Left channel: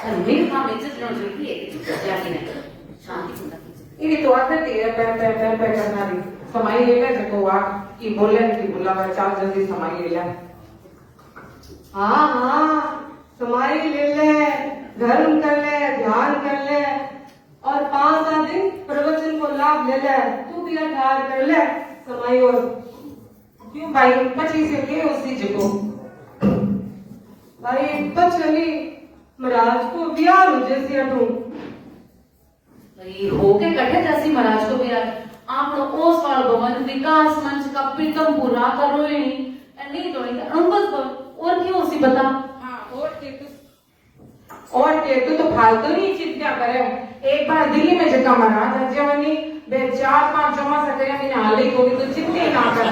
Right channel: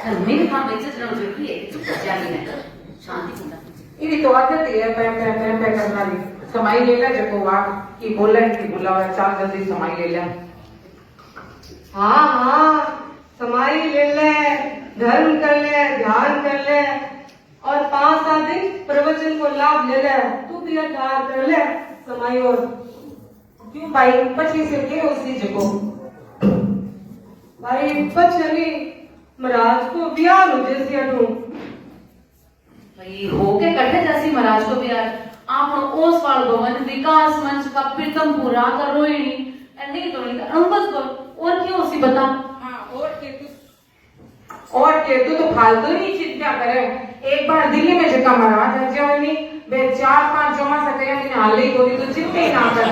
मेरे हाँ में जितना जरूरी है चुप कर जानी है शांति चिंता ये तो आदत ही है पे करना भी समय ले ले जब वो की बोले की बुलावे चाल जल्दी समय ले ले। हाँ हाँ समाई ले ले, धर्म कर ले, ध्यान कर ले और 5-7 दिन प्रवचन को लाभ ले ले। तू भी ध्यान कर ले समाई और क्यों भाई पची से के उसी जगह भाई बचनी महाराज को ब्याह हो जैसी हटू भाई होके कटे जैसी महाराज को प्यार आप ओसवाल भवन विकास मंच का प्रीतम पूरा करो ही नहीं तो नहीं बस बोल और क्यों उसी बता। हाँ और के तू तो फालतू ही चीज क्या करे। एक बार दिल्ली में जगह महाराज रजवानी बे 4-5 जमा सके मैंने हाल ही थोड़ी तो चिंता ही ना कर।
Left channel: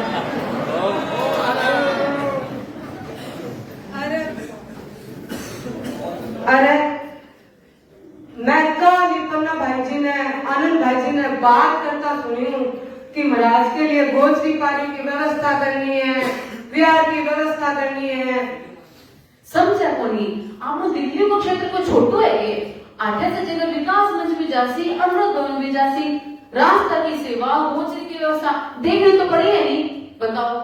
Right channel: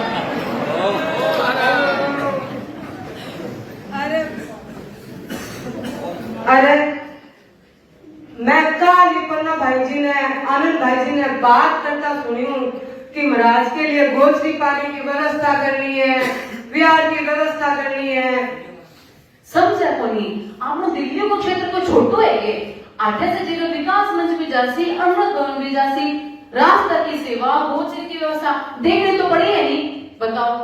अरे मैं कल पन्ना भाई जी ने आनंद भाई जी ने बात करता सुनी हूँ कि महाराज के लिए गोचरी पानी की व्यवस्था करनी है, विहार की व्यवस्था करनी है। समझा को नहीं आप दिल्ली को क्षेत्र को छोटो है ये आठे से जिले विकास मंच भी जासी अमृत भवन भी जासी रास्ता की सेवा गोचरी की व्यवस्था देखने तो पड़ी है नहीं बताओ।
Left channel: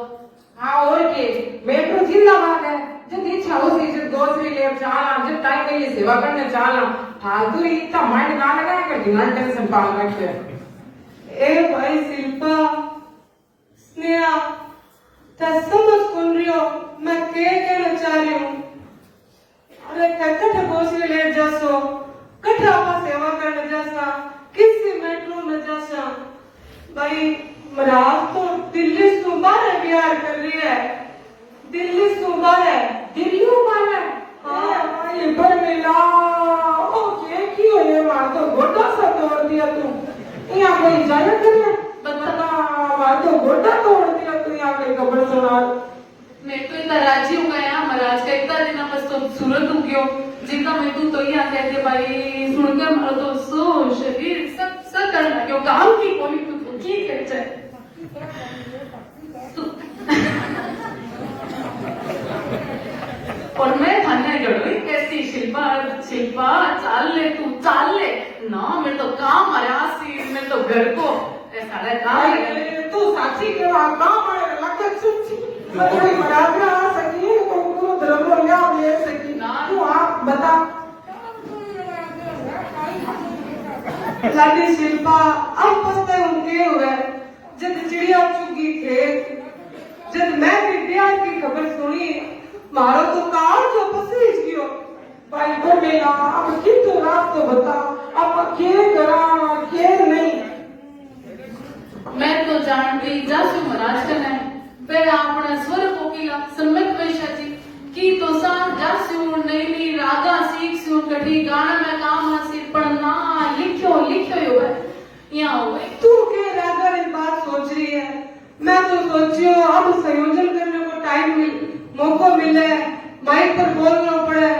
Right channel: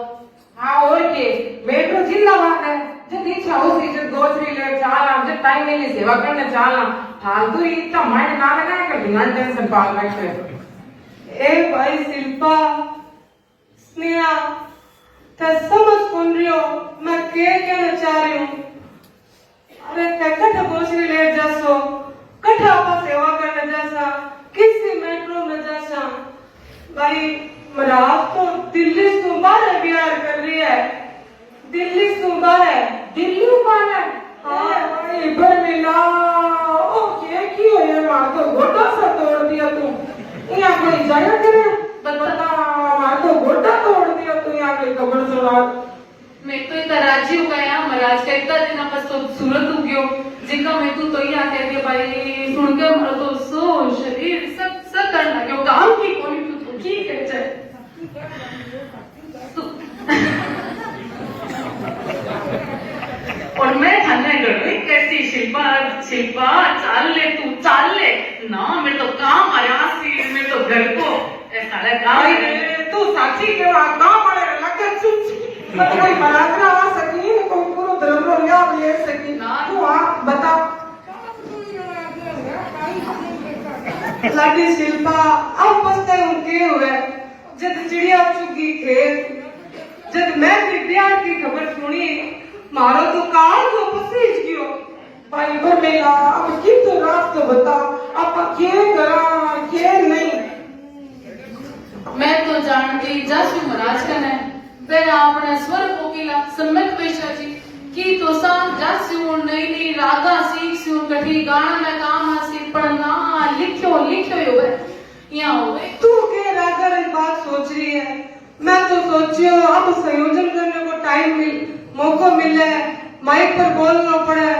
हाँ और के मेट्रो जिला मान है जब इच्छा हो सी जब गोचरी ले चाला जब टाइम मिली सेवा करने चाला फालतू ही इतना माइंड ना लगा कर बिना टेंशन पाल रखे। ए भाई शिल्पा स्नेहा ते समझ कौन रही हो मैं क्या कहना चाह रही हूँ। अरे ते कठ गोचरी ले जैसो कठा आपा सेवा करने जैसा किसी मेट्रो में जैसा भाई महाराज तो दिल्ली से बाहर बिहार कर रही है, दिल्ली से बाहर दिल्ली में है हाँ भाई इधर मिला ओ क्या हो ये मार तो गोटा सा तोड़ दिया तू यहाँ कोई जगह करे बता मार तो गोटा तोड़ दिया तू यहाँ कोई कपड़ सुना। मैं तो इतना राजी हो गया ना महाराज का इतना दिन आपस तो सूरत हो गयो जिनका मैं तू तो यहाँ कह के भाई सुन के हमारा तो सो शरीर सब करना क्यों काम की कोई तू तो ठीक है चाहे और मैं थाने गई कैसी शिल्पा शिल्पा चाल ले तू चाल ले ना मेरे तो काम आया सी मेरे तो घर को सारा काम तू साक्षी के काम वाले लगे चुप कोई बारात ना आ सकी कोई पूरा धर्म या ले सकी ना तू आप बता। लाडी शिल्पा अब पछते उनके हो गए जब चिड़िया चुगी खेत जब मैं विद्या की खबर सुनी मारो तो कार को पसीज गयो। भाई वो मेरा अब किन तो रात तो बता अब क्या करा क्या नहीं। मैं तो जानती जासु महाराज कने फिर आपने स्वर कोकिला सम्मत वेशा जी की तो सा जासु नई रागा सीख सु कठी गाना में काम आसी पर ना लिखो हुए यहाँ हुए तू के राजा की बात सोच रही है मैं तो सोचियो अब संयोजन करने को टाइम मौका मिले माइक पर बोलना पड़े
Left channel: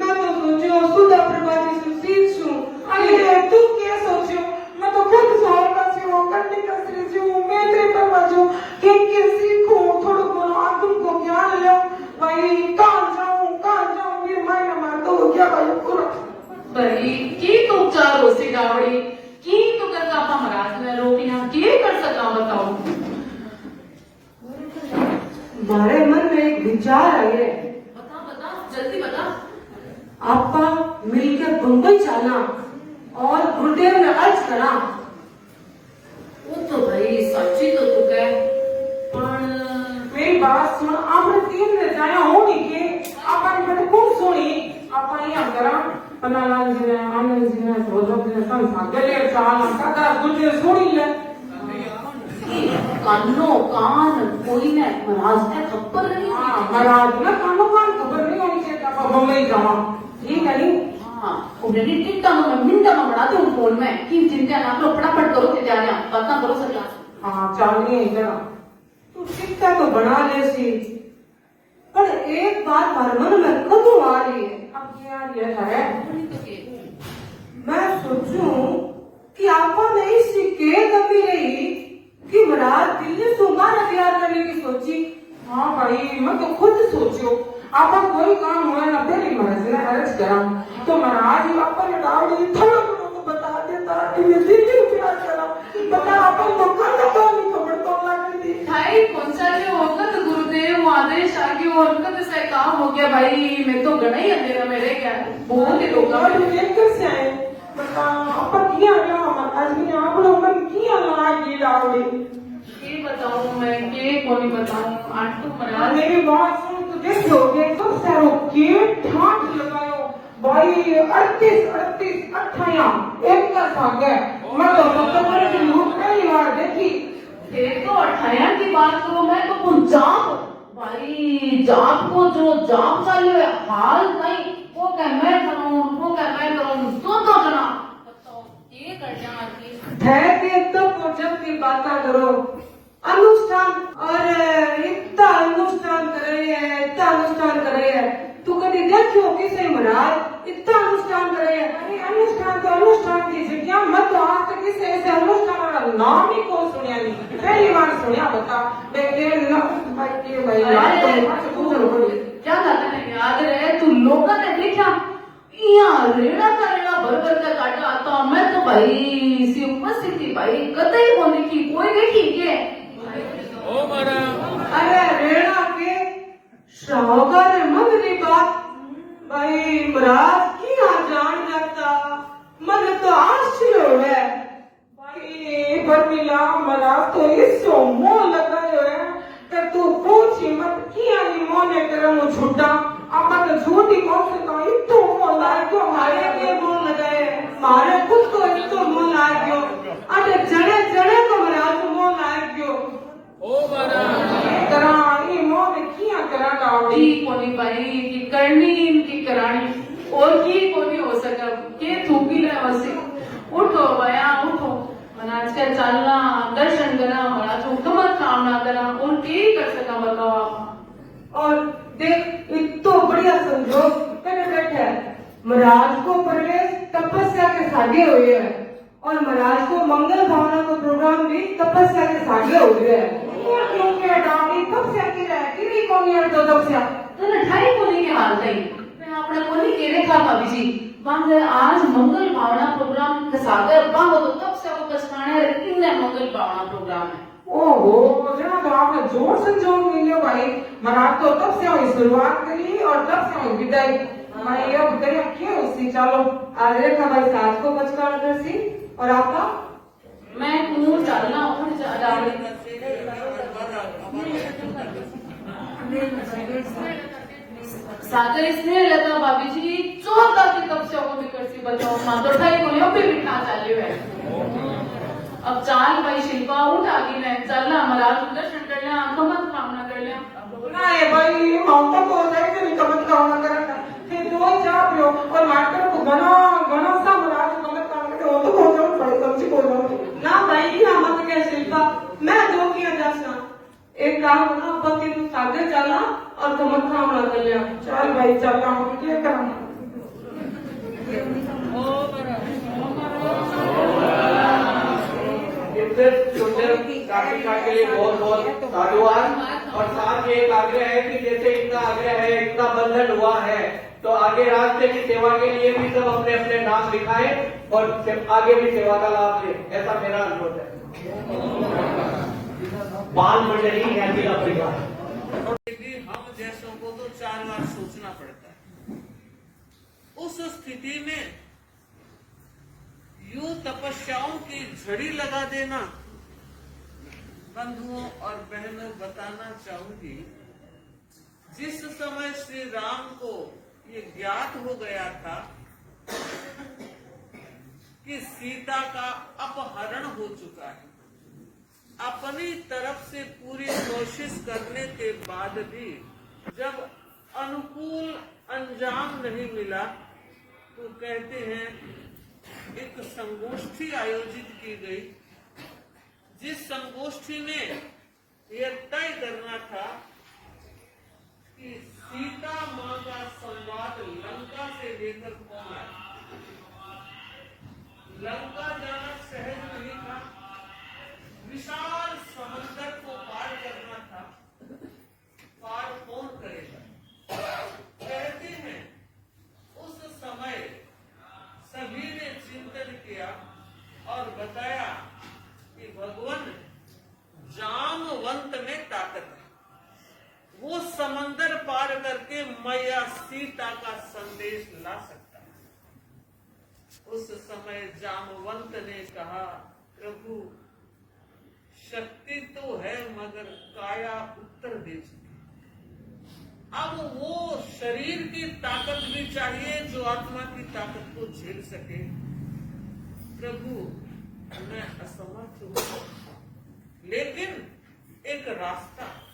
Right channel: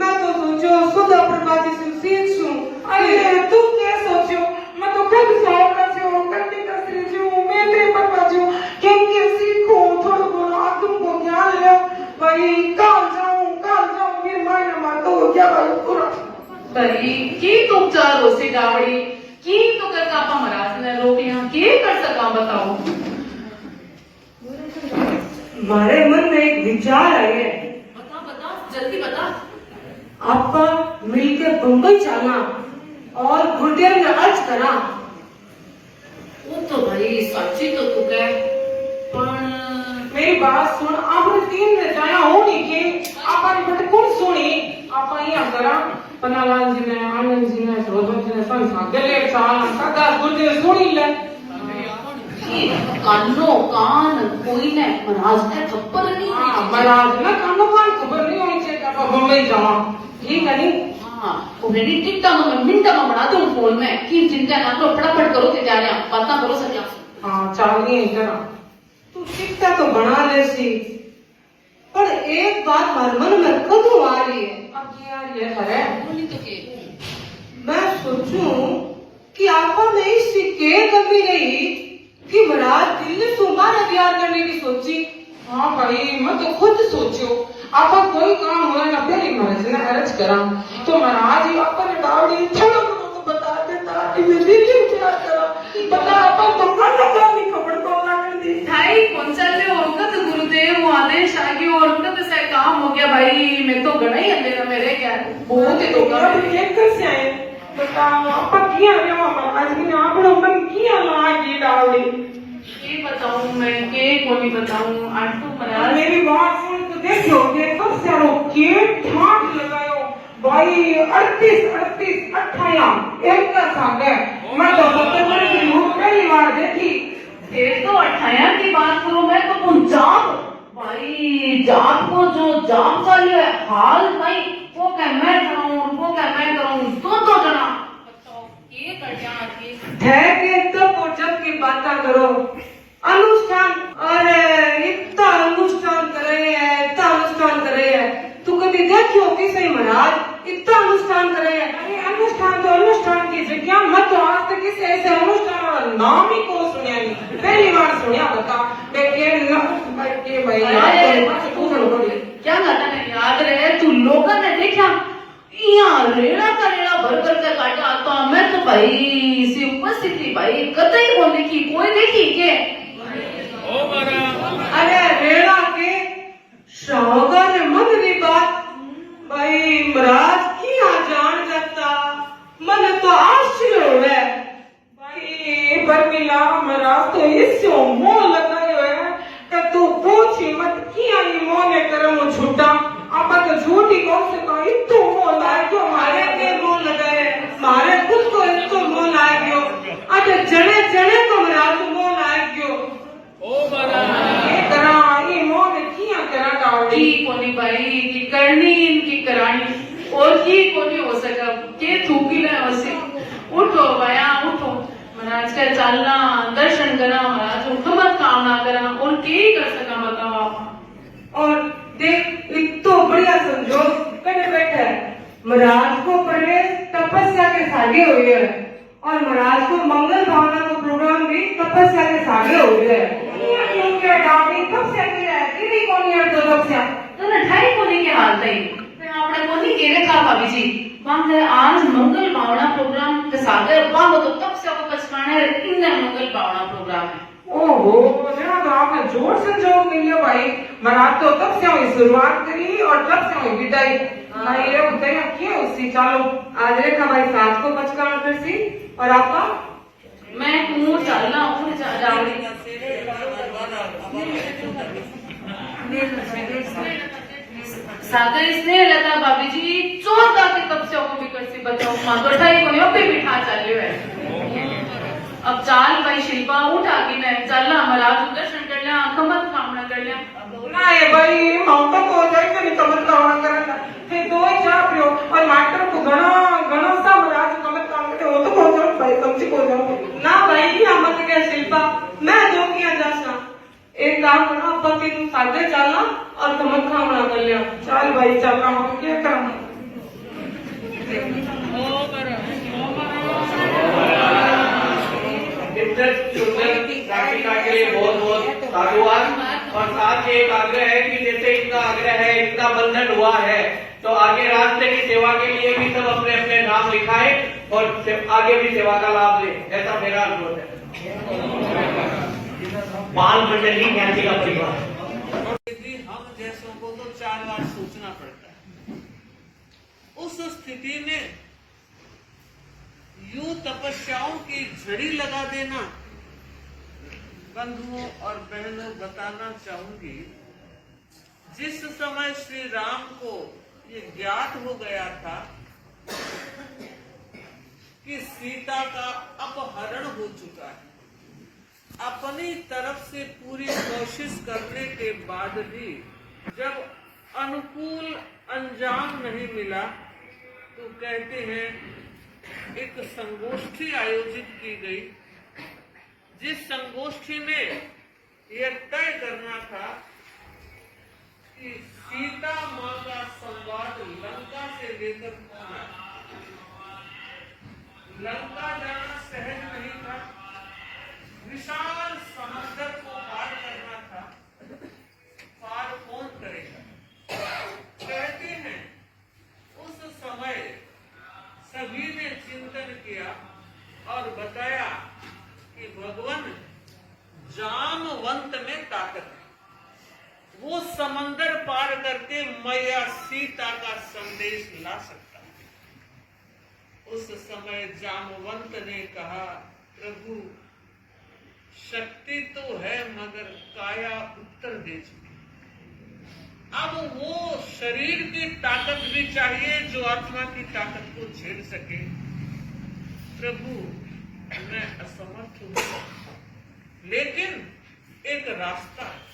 मैं तो सोचियो सुधा प्रभाती से सीख छू। अरे तू क्या सोचियो मैं तो खुद सावला से वो करने का सीखूं मैं तेरे पर बाजू किम के सीखूं थोड़ा थोड़ा आदम को ज्ञान ले भाई काल जाऊं मेरे मायने मार तो क्या भाई पूरा बरी की तो चार होसी गावड़ी की तो कर कापा महाराज ने रोटियां की कर सका बताओ। हमारे मन में एक विचार आई है बता जल्दी बता। आपका मिलकर बम्बई जाना और गुरुदेव ने अर्ज करा। वो तो भाई सच्ची तो तू कह पण मेरी बात सुन आपने 3 ने जाया हो नहीं के आपने बट कौन सुनी आप यहाँ करा पन्नालाल जी ने आनंद जी ने सरोज जी ने संसार गले साल सदा गुरुदेव सुनी ले कानो कान कोई ने महाराज ने खबर नहीं महाराज ना कानो कान खबर नहीं होनी चाहिए आप बम्बई जावा ठीक है नहीं। हाँ ऑलरेडी टिकटा में मिनटा में बना दूं फोन में की चिंता ना करो फटाफट करो ते जाने पता करो सजा। हाँ चल नहीं इधर तू शिक्षा तो बना ले सी पर एक बात हमारे मन में कदू आ रही है अब क्या ये है बोली तो के मैं सोचूं कि आपा में इसकी के कमी रही कि महाराज दिल्ली से हमारा प्यार करने की सोची। हाँ भाई मैं तो खुद सोचो आप कोई काम हो ना पहली मर्जी ना अर्ज करा तो महाराज ही अपन डावड़ी थोड़ा को बता देता कि मैं दिल्ली क्या करा बता अपन तो नहीं खबर को लगन दी भाई कौन सा ले होगा तो गुरुदेव आदेश आ गया और उनका से काम हो गया भाई मैं तो गणा ही अंधेरा मेरे क्या बहुत ही लोग एक से आए बता अपन किया गया महाराज ने आप लोग मन किया ना की डावड़ी ये बताऊं मैं के कोनी बताऊं आज तो महाराज मेरी बात सुन तो देखो ये तो सारो के ठाट लगायो भाई 38 28 एक का संग है मैं तो सत्तर की रूप पहली बार देखी एक तो 28 की बात करूं मैं तो पंजाब भाई जाप को जो जाप चालू है हाल भाई वो क्या मैं करूं तो जना बताओ ये कर जाना की है कि जब जब की बात करो अनुष्ठान अरे इतना अनुष्ठान कर रहे हैं तू कभी देखियो किसे महाराज इतना अनुष्ठान कर रहे हैं अरे अनुष्ठान तो अनुष्ठान की जगह मैं तो आज तक किसी ऐसे अनुष्ठान वाला नाम ही को सुनिया नहीं पहली बार सुनिया बता बेटे लग के भाई क्या कहता है याद रहे तू लोगों ने देखा यहाँ रेड़ा का रेड़ा भर का काटा तो मैं तो भाई इसी उपस्थिति भाई कतई को देखी कोई देखी के ओ महाराज अरे रेड़ा के शाहकार मन की बात भाई महाराज किया जान जाता मन तो आश्चर्य हो है भाई बर्मिला महाराज तो इससे मोह लगायो है कि तू पूछी मत किया ही मोह ने करम झूठा अपन तो झूठी कौन से तो इतो मोह लाए जो मारे के मोह लगाए मारे खुद को इतो मोह लाए गयो अरे जने को महाराज को मोह लाए गयो ओ महाराज ये करा ये मोह ने किया करा डावड़ी की कोनी भाई की करनी इनकी करानी और की कोनी हो सका के थूकी ना वैसे उठो भैया उठो महाराज का चलना दर्शन करना महाराज उठो मत काम ना करना और के कर सका बताओ आप और देख इतो बढ़िया संजोग कने बैठा है महाराज को प्रवेश तपस्या के सागे हुए है और महाराज को मंगल भावना का प्रोग्राम भी तपस्या के सागे हो गया है ये क्यों के डावड़ी तब से की रहे दीदी कौन है तो तब से तो ना ढाई कोनी के हाल तई मैं आपने कोनी के रखा भाभी जी वहां से आज मंगल भावना प्रोग्राम के सागे वहां तो तब से को पछताने इन मंगल भावना प्रोग्राम है ओहो जना तो आपने जोर संजोग मिलियो भाई महाराज तो तब से हुई शुरुआत करी और तब से हुई विदाई मैं ये बताइए क्या उसी चलो आज रे हमारी सास को पचकाना करसी और आपका मैं ऊंट चलना ऊंट डावड़ी सागर इसने लगा भाभी जी चौथा की तपस्या को भी करसी बचाओ मां तो ढाई को यो पे बिठा चलियो है अब चाल भाई शिल्पा उठ आगी ने चलना महाराज दर्शन कर लिया कमल कामना कर लिया ना ये भाई माउंटा को जाए करी कमत कामना करना फिर दो ही जा पियो और मास्टर को घणो सा महाराज कमत काम करे वो तो कौन जाओ भाई समझी को जाओ ना भाई यहाँ मत क्या शिल्पा मैं दो किया जासा एक काम करना अपन तीन सागर चलना और कमल कामना कर लिया चल भाई चल रहा हूँ क्या करूँ के लिए बहुत बहुत साधुवाद और साथ ही एक आग्रह है कि जैसे इनका आग्रह है इनका बंधन हुआ है तो आगे रास्ते की सेवा के लिए भी सब अपने अपने नाम लिखाएं और आगे भी सेवा का लाभ लें ऐसा मेरा अनुरोध है बाल मंडली ज्ञाति का परिवार हम जैसों को तो 4 बार सोचना पड़ता है उस स्थिति में यूं तपस्याओं की झड़ी लगा देना बंधुओं और बहनों बताना चाहूंगी जिस समय श्री राम को ये ज्ञात हो गया था कि सीता का अपहरण हो चुका है अपनी तरफ से पूरी कोशिश करने के बाद भी जब अनुकूल अंजाम नहीं मिला तो कहते हैं एक संगोष्ठी आयोजित की गई जिस संगोष्ठी में यह तय करना था कि सीता मां का संवाद लंका से लेकर कौन आए लंका जाना सहज नहीं था विशाल समंदर को पार करना था पार कौन करेगा कहते हैं उस संदेश ला सकता है। उस समय जामवंत ने कहा, प्रभु शक्ति तो है मगर काया उत्तर दे चुकी। अब वो शरीर की ताकत भी चाहिए जो आत्मा की ताकत को झेल सके। प्रभु मैं असमर्थ हूं, लेकिन एक रास्ता है।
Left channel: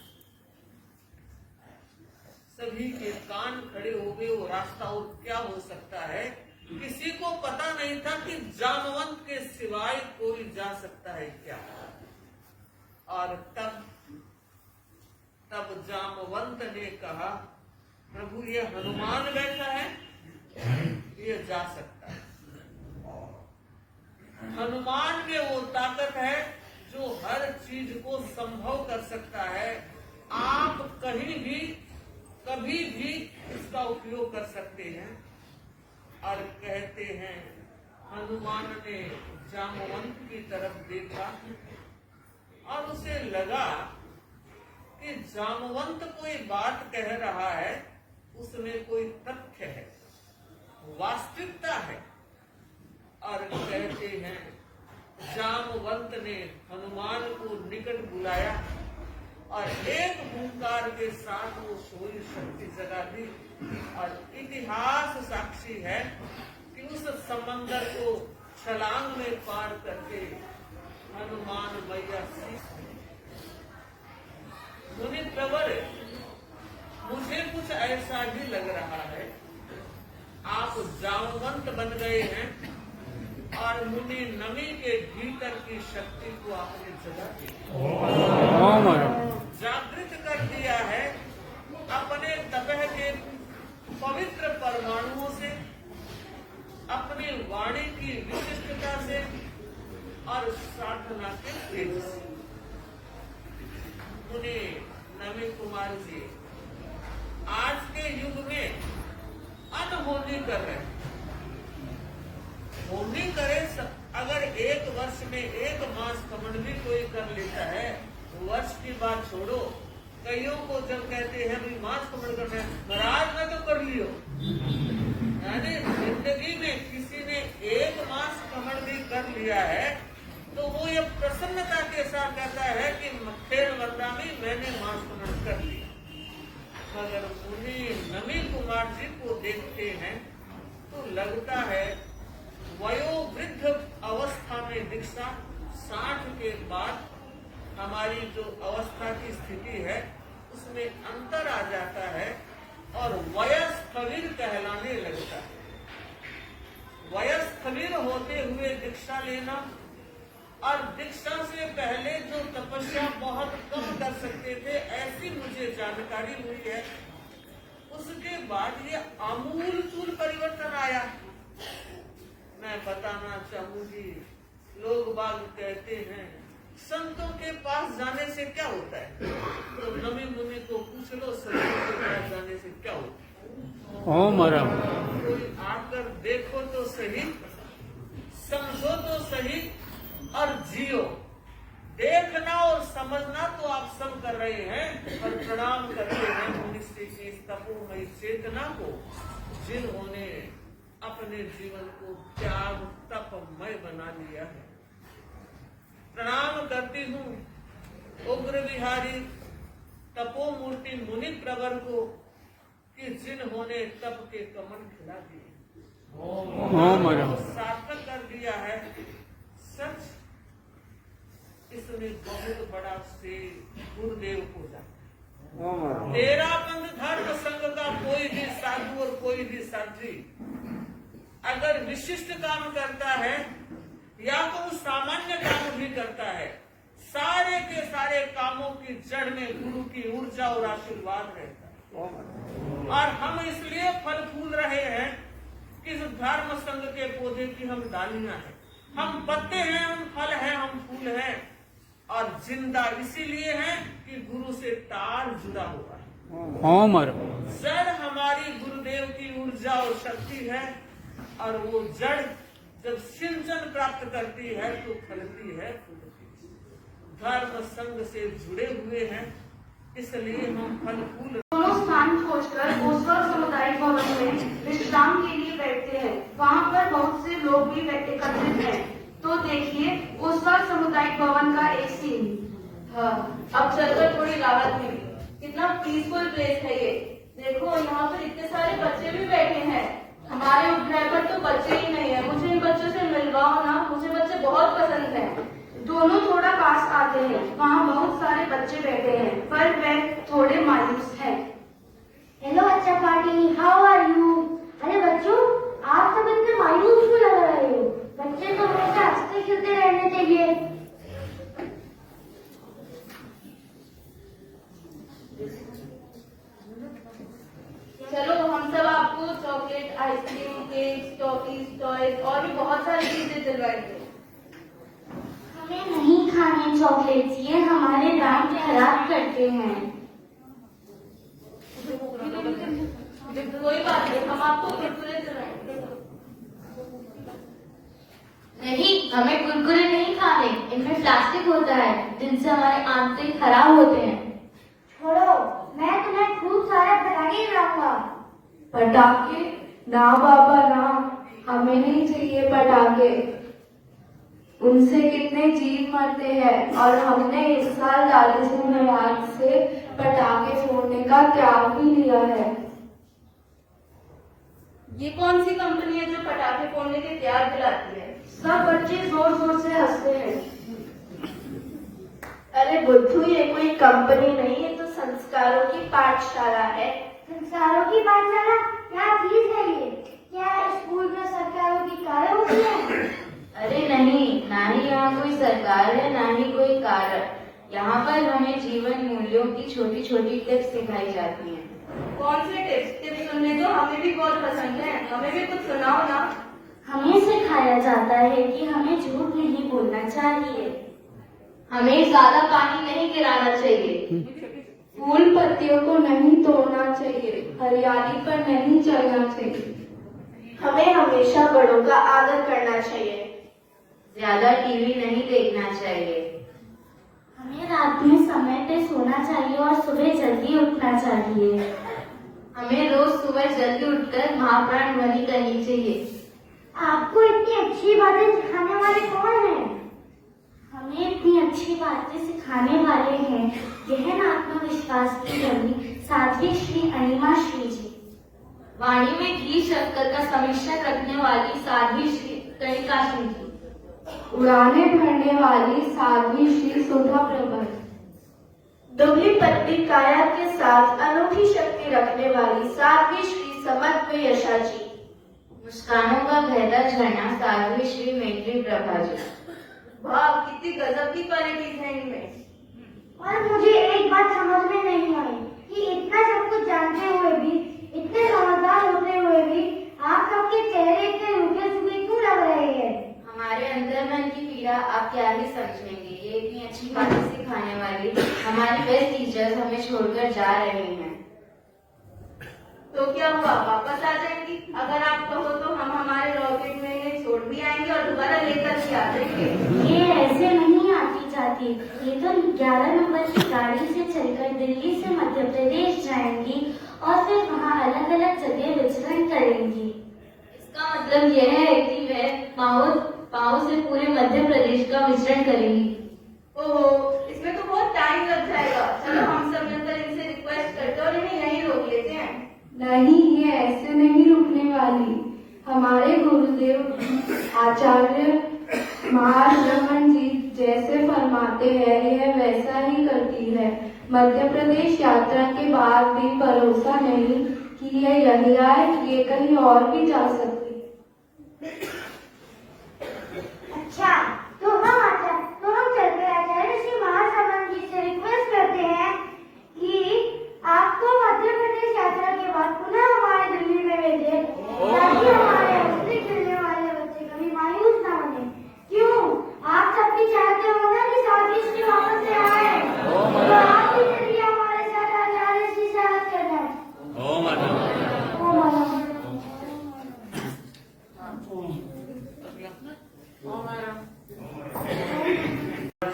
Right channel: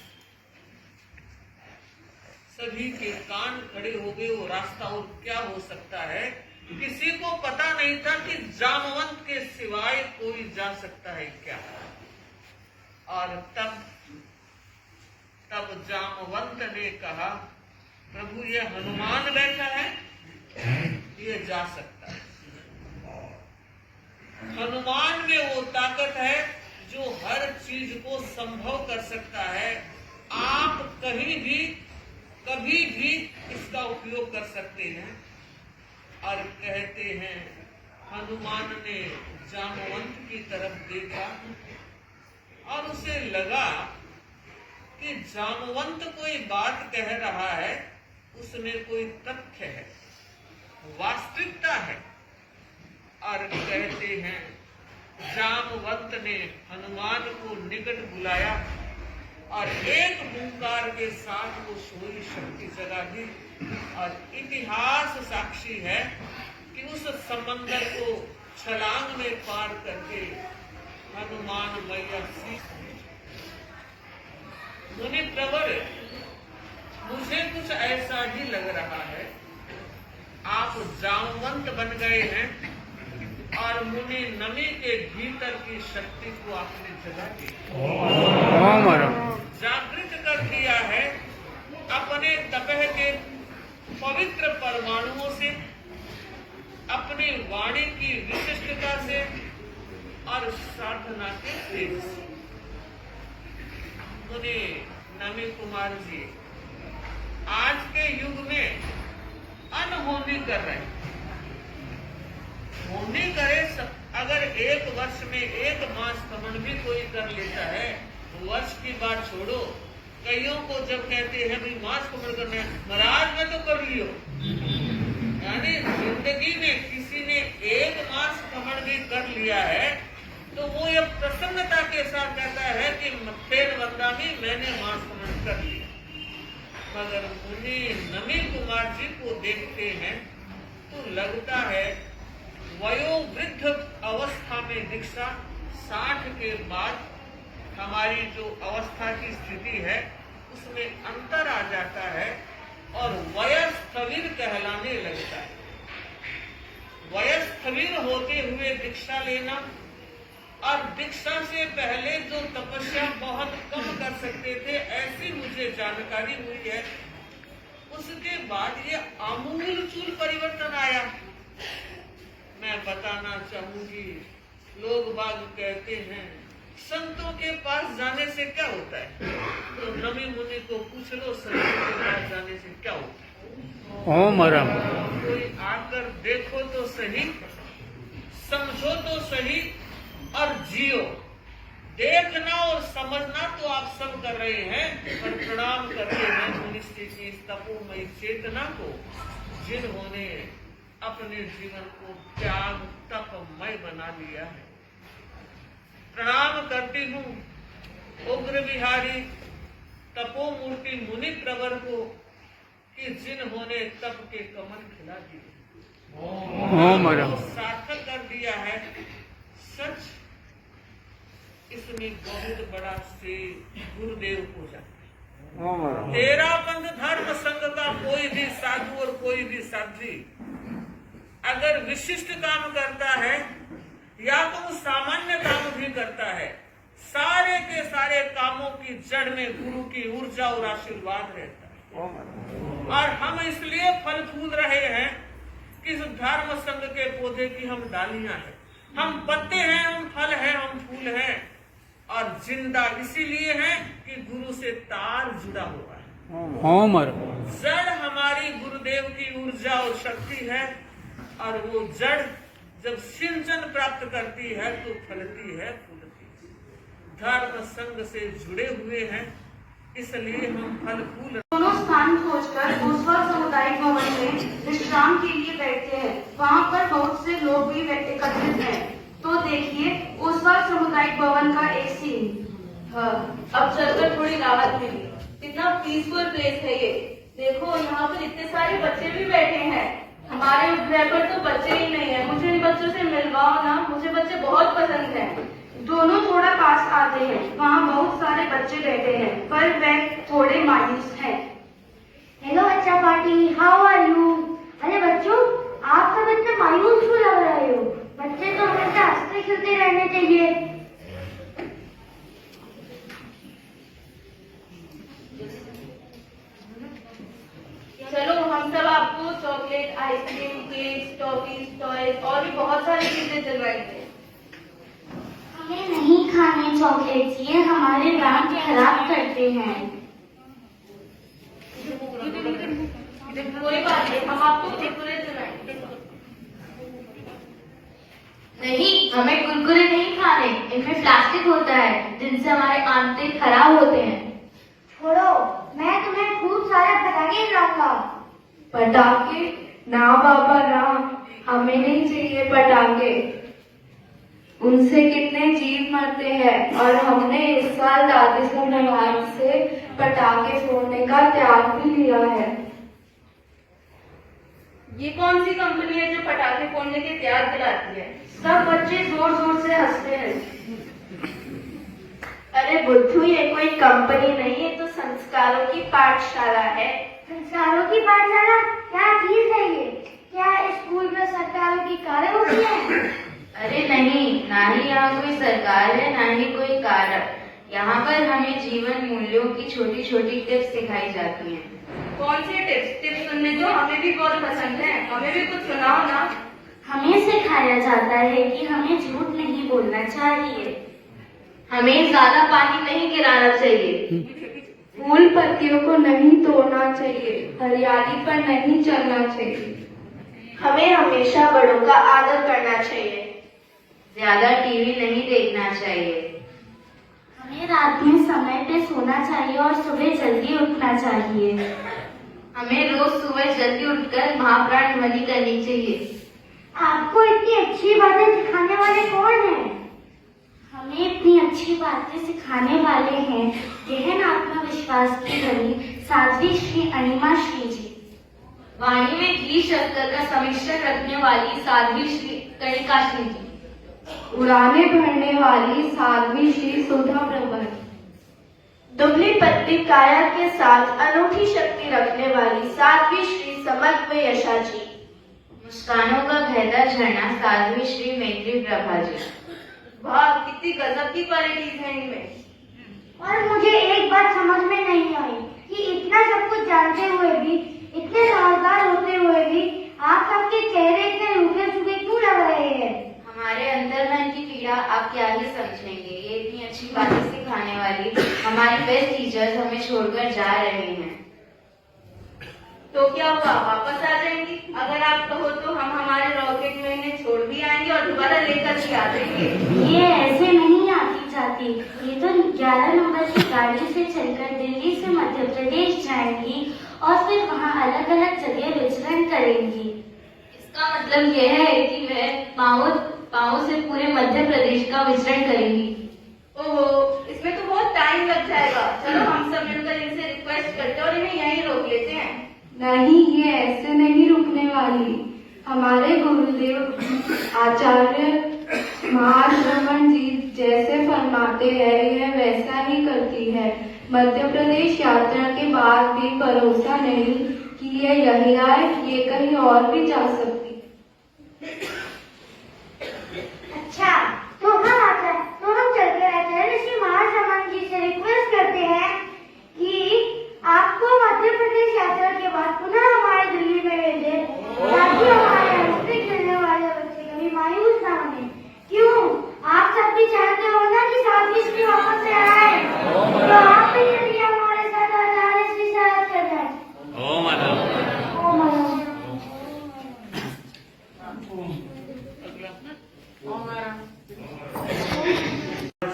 सभी के कान खड़े हो गए। वो रास्ता और क्या हो सकता है? किसी को पता नहीं था कि जामवंत के सिवाय कोई जा सकता है क्या। और तब जामवंत ने कहा, प्रभु ये हनुमान बैठा है, ये जा सकता है। हनुमान में वो ताकत है जो हर चीज को संभव कर सकता है। आप कहीं भी कभी भी इसका उपयोग कर सकते हैं। और कहते हैं हनुमान ने जामवंत की तरफ देखा और उसे लगा कि जामवंत कोई बात कह रहा है, उसमें कोई तथ्य है, वास्तविकता है। और कहते हैं जामवंत ने हनुमान को निकट बुलाया और एक हुंकार के साथ वो सोई शक्ति जगा दी। और इतिहास साक्षी है कि उस समंदर को छलांग में पार करके हनुमान मैया सीख। मुनि प्रवर, मुझे कुछ ऐसा ही लग रहा है, आप जामवंत बन गए हैं और मुनि नमी के भीतर की शक्ति को आपने जगा दी, जागृत कर दिया है। अपने तपह के पवित्र परमाणुओं से, अपनी वाणी की विशिष्टता से और साधना के तेज से। मुनि नमी कुमार जी आज के युग में अनहोनी कर रहे हैं। होनी करे, अगर एक वर्ष में एक मास कमन भी कोई कर लेता है, वर्ष की बात छोड़ो। कईयों को जब कहते हैं भाई मास कमन करना है, महाराज में तो कर लियो। यानी जिंदगी में किसी ने एक मास कमन भी कर लिया है तो वो ये प्रसन्नता के साथ कहता है कि मत्थेन वंदामी, मैंने मास कमन कर लिया। मगर मुनि नमी कुमार जी को देखते हैं तो लगता है वयोवृद्ध अवस्था में दीक्षा, 60 के बाद हमारी जो अवस्था की स्थिति है उसमें अंतर आ जाता है और वयस्थविर कहलाने लगता है। वयस्थविर होते हुए दीक्षा लेना और दीक्षा से पहले जो तपस्या बहुत कम कर सकते थे, ऐसी मुझे जानकारी हुई है। उसके बाद ये आमूलचूल परिवर्तन आया। मैं बताना चाहूंगी, लोग बाग कहते हैं संतों के पास जाने से क्या होता है, तो नमी मुनि को पूछ लो संतों के पास जाने से क्या होता है। कोई आकर देखो तो सही, समझो तो सही और जियो। देखना और समझना तो आप सब कर रहे हैं, और प्रणाम करते हैं मनुष्य की तपोमयी चेतना को, जिन्होंने अपने जीवन को त्याग तपमय बना लिया है। प्रणाम करती हूँ उग्र विहारी तपोमूर्ति मुनि प्रवर को कि जिन्होंने तप के कमल खिला दिए, सार्थक कर दिया है। सच इसमें बहुत बड़ा से गुरुदेव को जाता। तेरा पंथ धर्म संघ का कोई भी साधु और कोई भी साध्वी अगर विशिष्ट काम करता है या तो सामान्य काम भी करता है, सारे के सारे कामों की जड़ में गुरु की ऊर्जा और आशीर्वाद रहता है। और हम इसलिए फल फूल रहे हैं कि इस धर्म संघ के पौधे की हम डालियां हैं, हम पत्ते हैं, हम फल हैं, हम फूल हैं, और जिंदा इसीलिए हैं कि गुरु से तार जुड़ा हुआ है। जड़ हमारी गुरुदेव की ऊर्जा और शक्ति है, और वो जड़ जब सिंचन प्राप्त करती है तो फलती है, फूलती है। धर्म संघ से जुड़े हुए हैं, इसलिए हम फल फूल स्थान खोजकर ओसवाल सामुदायिक भवन में विश्राम के लिए बैठते हैं। वहाँ पर बहुत से लोग भी एकत्रित हैं। तो देखिए ओसवाल सामुदायिक भवन का एक सीन। हाँ, अब चलकर थोड़ी राहत मिली। कितना पीसफुल प्लेस है ये। देखो यहाँ पर इतने सारे बच्चे भी बैठे हैं। हमारे उद्यान पर तो बच्चे ही नहीं है। मुझे इन बच्चों से मिलवाओ ना, मुझे बच्चे बहुत पसंद हैं। दोनों थोड़ा पास आते हैं। वहाँ बहुत सारे बच्चे बैठे हैं पर वे थोड़े मायूस हैं। हेलो बच्चा पार्टी, हाउ आर यू? अरे बच्चों, आप सब इतने मायूस क्यों लग रहे हो? बच्चे तो हमेशा हंसते खेलते रहने चाहिए। चलो हम सब आपको chocolate, ice cream, cake, toffees, toys और भी बहुत सारी चीजें दिलवाएंगे। हमें नहीं खाने चॉकलेट्स, ये हमारे दांत खराब करते हैं। कोई बात नहीं, हम आपको कुरकुरे दिलवाएंगे। नहीं, हमें कुरकुरे नहीं खाने। इनमें प्लास्टिक होता है जिनसे हमारे आंतरिक खराब होते हैं। छोड़ो, मैं तुम्हें खूब सारे पटाखे खिलाऊंगा। पटाखे? ना बाबा ना, हमें नहीं चाहिए पटाखे। उनसे कितने जीव मरते हैं और हमने इस साल दादी सोनेवाल से पटाखे फोड़ने का त्याग भी लिया है। ये कौन सी कंपनी है जो पटाखे फोड़ने के त्याग दिलाती है? सब बच्चे जोर जोर से हंसते हैं। अरे बुद्धू, ये कोई कंपनी नहीं, ये तो संस्कारों की पाठशाला है। संस्कारों की पाठशाला क्या चीज है ये? क्या स्कूल में संस्कारों की कारें होती है? अरे नहीं, ना ही यहाँ कोई सरकार है, ना ही कोई कारक। यहाँ पर हमें जीवन मूल्यों की छोटी छोटी टिप्स सिखाई जाती हैं। कौन से टिप्स सुनने दो, हमें भी बहुत पसंद है। हमें भी कुछ सुनाओ ना। हमें सिखाया जाता है कि हमें झूठ नहीं बोलना चाहिए। हमें ज्यादा पानी नहीं गिराना चाहिए। फूल पत्तियों को नहीं तोड़ना चाहिए। हरियाली पर नहीं चलना चाहिए। हमें हमेशा बड़ों का आदर करना चाहिए। ज्यादा टीवी नहीं देखना चाहिए। हमें रात में समय पे सोना चाहिए और सुबह जल्दी उठना चाहिए। हमें रोज सुबह जल्दी उठकर महाप्राण ध्वनि करनी चाहिए। आपको इतनी अच्छी बातें सिखाने वाले कौन हैं? हमें इतनी अच्छी बातें सिखाने वाले हैं गहन आत्मविश्वास की धनी साध्वी श्री अनिमा श्री जी। वाणी में घी शक्कर का समिश्रण रखने वाली साध्वी श्री कणिका श्री जी। उड़ाने भरने वाली साध्वी श्री सुधा प्रभा। दुबली पतली काया के साथ अनूठी शक्ति रखने वाली साध्वी श्री समत्व यशा जी। मुस्कानों का गहरा झरना साध्वी श्री मैत्री प्रभा जी। वाह, कितनी गजब की क्वालिटीज है इनमें। और मुझे एक बात समझ में नहीं आई कि इतना सब कुछ जानते हुए भी, इतने समझदार होते हुए भी आप सबके चेहरे इतने रूखे सूखे क्यों लग रहे हैं? हमारे अंतर्मन की पीड़ा आप क्या ही समझेंगे। ये इतनी अच्छी बातें सिखाने वाली हमारी बेस्ट टीचर्स हमें छोड़कर जा रहे हैं। तो क्या हुआ, वापस आ जाएंगी? अगर आप कहो तो हम हमारे रॉकेट में इन्हें छोड़ भी आएंगे और दोबारा लेकर भी आ जाएंगे। ये ऐसे नहीं आती जाती। ये तो 11 नंबर की गाड़ी से चलकर दिल्ली से मध्य प्रदेश जाएंगी और फिर वहाँ अलग अलग जगह विचरण करेंगी। इसका मतलब यह है कि वह पाँव से पूरे मध्य प्रदेश का विचरण करेंगी। ओहो, इसमें तो बहुत टाइम लग जाएगा। चलो हम सब मिलकर इनसे रिक्वेस्ट करते और इन्हें यहीं रोक लेते हैं। नहीं, ये ऐसे नहीं रुकने वाली। हमारे गुरुदेव आचार्य महारमन जी जैसे फरमाते हैं, यह वैसा ही करती है। मध्य प्रदेश यात्रा के बाद भी भरोसा नहीं कि ये यही आए, ये कहीं और भी जा सकती। अच्छा, तो हम चलकर आचार्य श्री महारमन जी से रिक्वेस्ट करते हैं कि आपको मध्य प्रदेश यात्रा के बाद पुनः हमारे दिल्ली में भेजे, ताकि हमारे हंसते खेलने वाले बच्चे कभी मायूस ना होने। क्यों, आप सब भी चाहते हो ना कि साध्वी श्री वापस से आए? तो आप भी चलिए हमारे साथ आचार्य श्री से अर्ज करने। ओम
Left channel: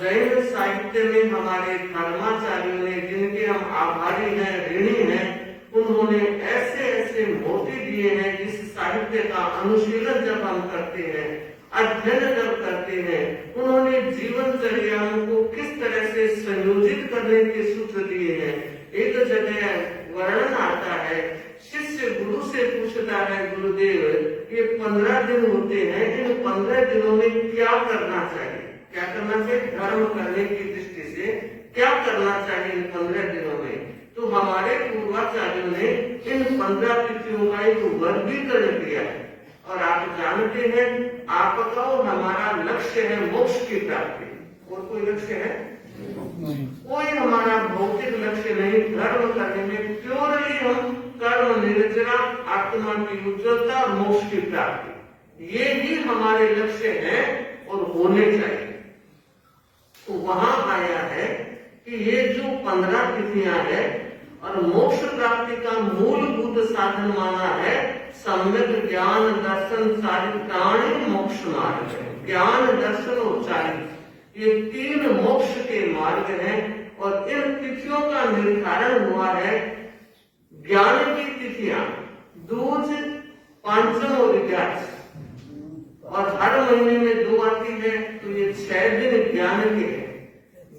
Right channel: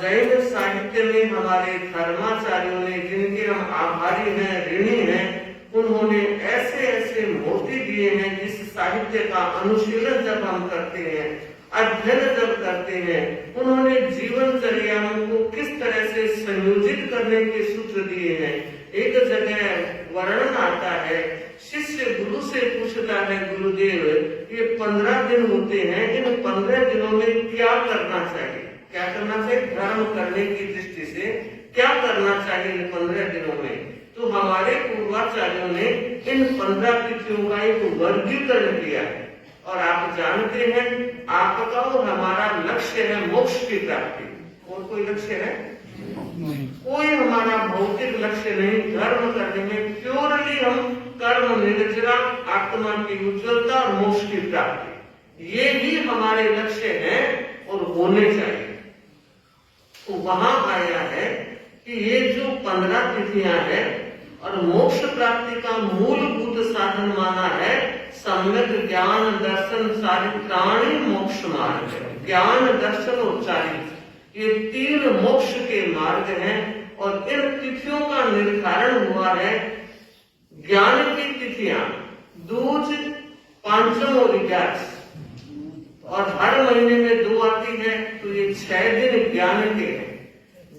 जैन साहित्य में हमारे धर्माचार्यों ने, जिनके हम आभारी हैं, ऋणी हैं, साहित्य का अनुशीलन जब हम करते हैं, अध्ययन जब करते हैं, उन्होंने जीवनचर्या को किस तरह से संयोजित करने के सूत्र दिए हैं। एक जगह वर्णन आता है, शिष्य गुरु से पूछता है, गुरुदेव ये 15 दिन होते हैं, इन 15 दिनों में क्या करना चाहिए, क्या करना चाहिए, धर्म करने की दृष्टि से क्या करना चाहिए इन 15 दिनों में। तो हमारे पूर्वाचार्यों ने इन 15 तिथियों का एक वर्गीकरण किया है। और आप जानते हैं, आपका और हमारा लक्ष्य है मोक्ष की प्राप्ति। और कोई लक्ष्य है? कोई हमारा भौतिक लक्ष्य नहीं। धर्म करने में प्योरली हम कर्म निर्जना, आत्मा की उज्ज्वलता और मोक्ष की प्राप्ति, ये ही हमारे लक्ष्य हैं और होने चाहिए। तो वहां आया है कि ये जो 15 तिथियां हैं और मोक्ष प्राप्ति का मूलभूत साधन माना है सम्यक ज्ञान दर्शन चारित्राणि मोक्ष मार्ग। ज्ञान दर्शन और चारित्र, ये 3 मोक्ष के मार्ग हैं। और इन तिथियों का निर्धारण हुआ है। ज्ञान की तिथियां दूज, पांचम और 11, और हर महीने में 2 आती है, तो ये 6 दिन ज्ञान के हैं।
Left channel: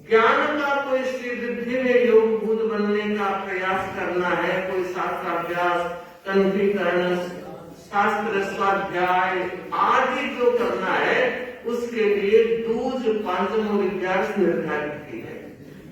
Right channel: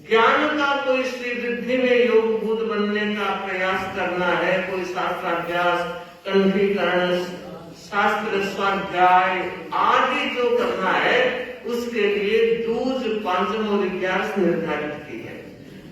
ज्ञान का कोई श्री वृद्धि में योगभूत बनने का प्रयास करना है, कोई शास्त्राभ्यास, कंठीकरण, शास्त्र स्वाध्याय आदि जो करना है, उसके लिए दूज, पांचम और 11 निर्धारित की है।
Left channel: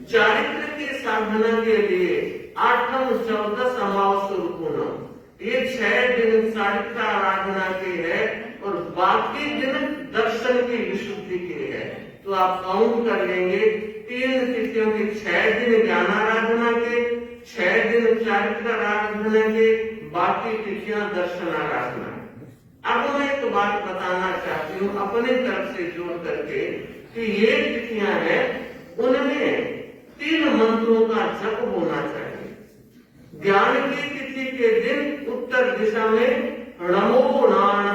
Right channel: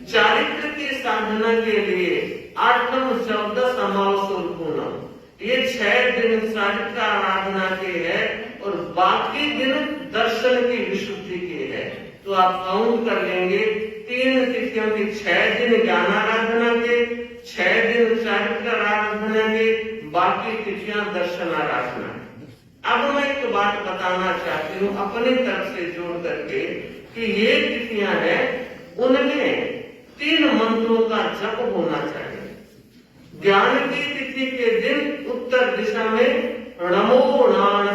चारित्र की साधना के लिए 8म, 14 अमावस और पूनम, ये 6 दिन चारित्र आराधना के है और बाकी दिन दर्शन की विशुद्धि के है। तो आप काउंट कर लेंगे, 3 तिथियों के 6 दिन ज्ञान आराधना के, 6 दिन चारित्र आराधना के, बाकी तिथियां दर्शन आराधना। अब मैं एक बात बताना चाहती हूँ अपनी तरफ से जोड़ करके कि ये तिथियां हैं, उनमें 3 मंत्रों का जप होना चाहिए। ज्ञान की तिथि के दिन उत्तर दिशा में नमो नारायण,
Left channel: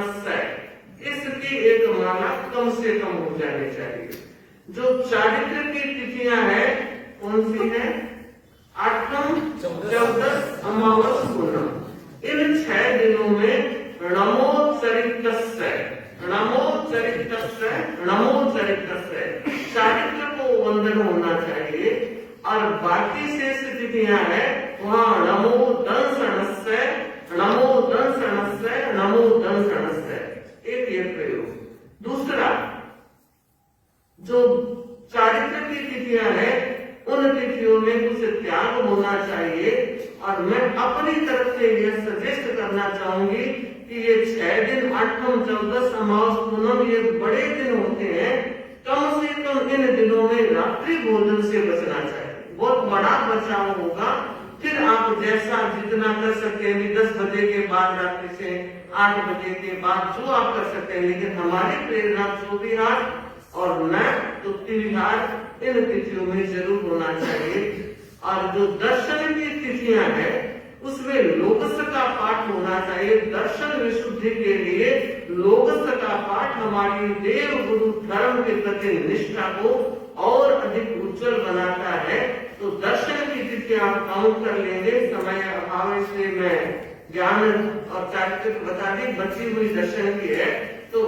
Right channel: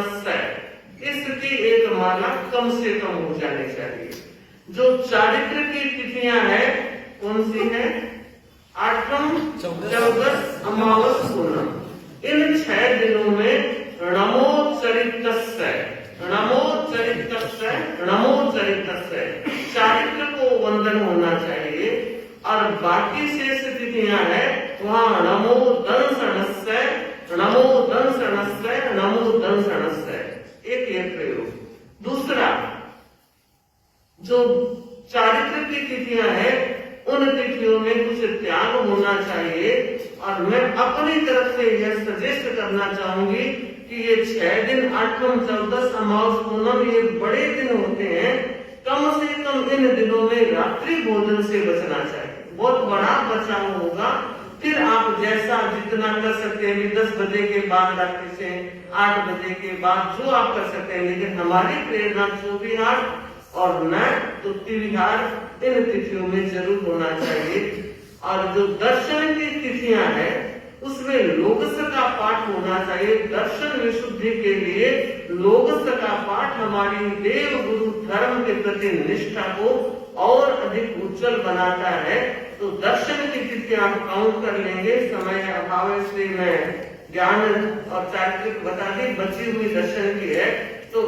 इसकी एक माला कम से कम हो जानी चाहिए। जो चारित्र की तिथियां हैं कौन सी है? 8म, 14, अमावस, पूनम। इन 6 दिनों में नमो चरितस्य, नमो चरितस्य, नमो चरितस्य चारित्र को वंदन होना चाहिए। और बाकी शेष तिथियां हैं, वहां नमो दंसनस्य, नमो दंसनस्य, नमो दंसनस्य, एक ये प्रयोग। दूसरा, जो चारित्र की तिथियां हैं, उन तिथियों में कुछ त्याग होना चाहिए। और मैं अपनी तरफ से यह सजेस्ट करना चाहूंगी कि ये 6 दिन 8म, 14, अमावस, पूनम, ये बड़े दिन होते हैं। कम से कम इन दिनों में रात्रि भोजन से बचना चाहिए। बहुत बड़ा बचाव होगा। फिर आप जैसा जितना कर सकते हैं, 10 बजे के बाद रात्रि से 8 बजे के बाद जो आप कर सकते हैं। लेकिन हमारी प्रेरणा 24 हार और मैं तो 3 हार इन तिथियों में जरूर होना चाहिए। और जो दर्शन की तिथियां हैं, उसमें लोकस का पाठ होना चाहिए। दर्शन विशुद्धि के लिए लोकस का पाठ हमारी देव गुरु धर्म के प्रति निष्ठा को और अधिक उज्जवल बनाता है। तो दर्शन की तिथियां काउंट कर लेंगे, समय अभाव है इसलिए मैं ज्ञान और चारित्र बता दी, बची हुई दर्शन की है। तो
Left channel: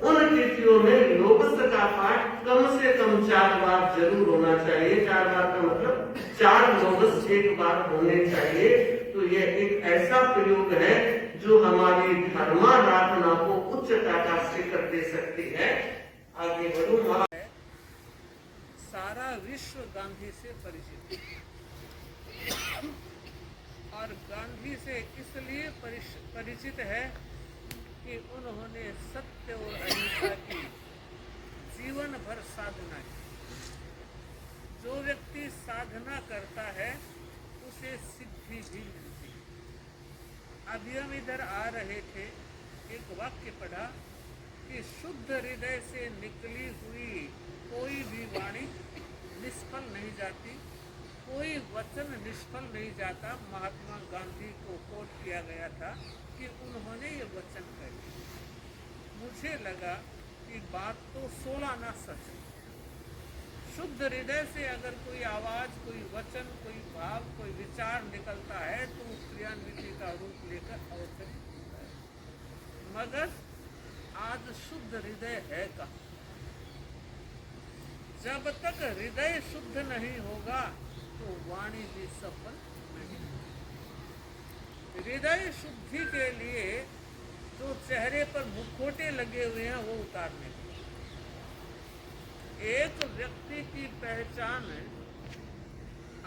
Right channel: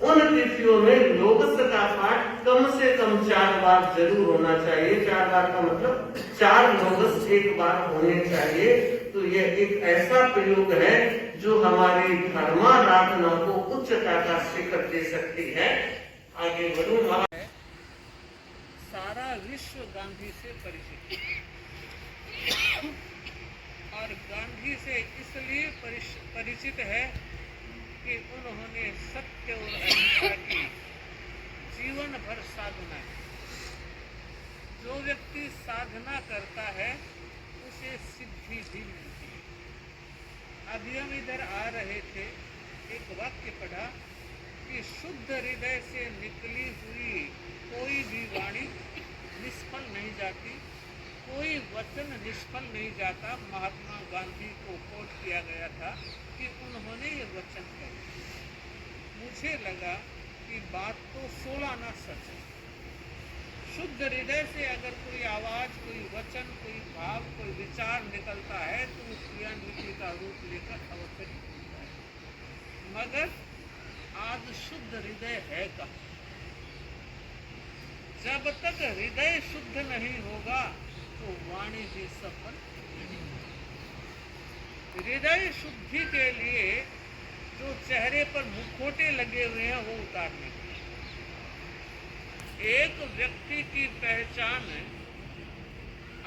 उन तिथियों में लोकस का पाठ कम से कम 4 बार जरूर होना चाहिए। 4 बार का मतलब 4 लोकस एक बार होने चाहिए। तो यह एक ऐसा प्रयोग है जो हमारी धर्माराधना को उच्चता का शिखर दे सकती है। आगे बढ़ूं। सारा विश्व गांधी से परिचित और गांधी से इसलिए परिचित है कि उन्होंने सत्य और अहिंसा की जीवन भर साधना की। जो व्यक्ति साधना करता है उसे सिद्धि भी मिलती है। अभी हम इधर आ रहे थे, एक वाक्य पढ़ा कि शुद्ध हृदय से निकली हुई कोई भी वाणी निष्फल नहीं जाती, कोई वचन निष्फल नहीं जाता। महात्मा गांधी को कोट किया गया था कि उन्होंने ये वचन कहे। मुझे लगा कि बात तो 16 आना सच है। शुद्ध हृदय से अगर कोई आवाज, कोई वचन, कोई भाव, कोई विचार निकलता है तो वो क्रियान्विति का रूप लेकर अवतरित होता है। भगत आज शुद्ध हृदय है कहाँ? जब तक हृदय शुद्ध नहीं होगा तो वाणी भी सफल नहीं होगी। हृदय शुद्धि के लिए जो चेहरे पर मुखौटे लगे हुए हैं वो उतारने के लिए। एक व्यक्ति की पहचान है,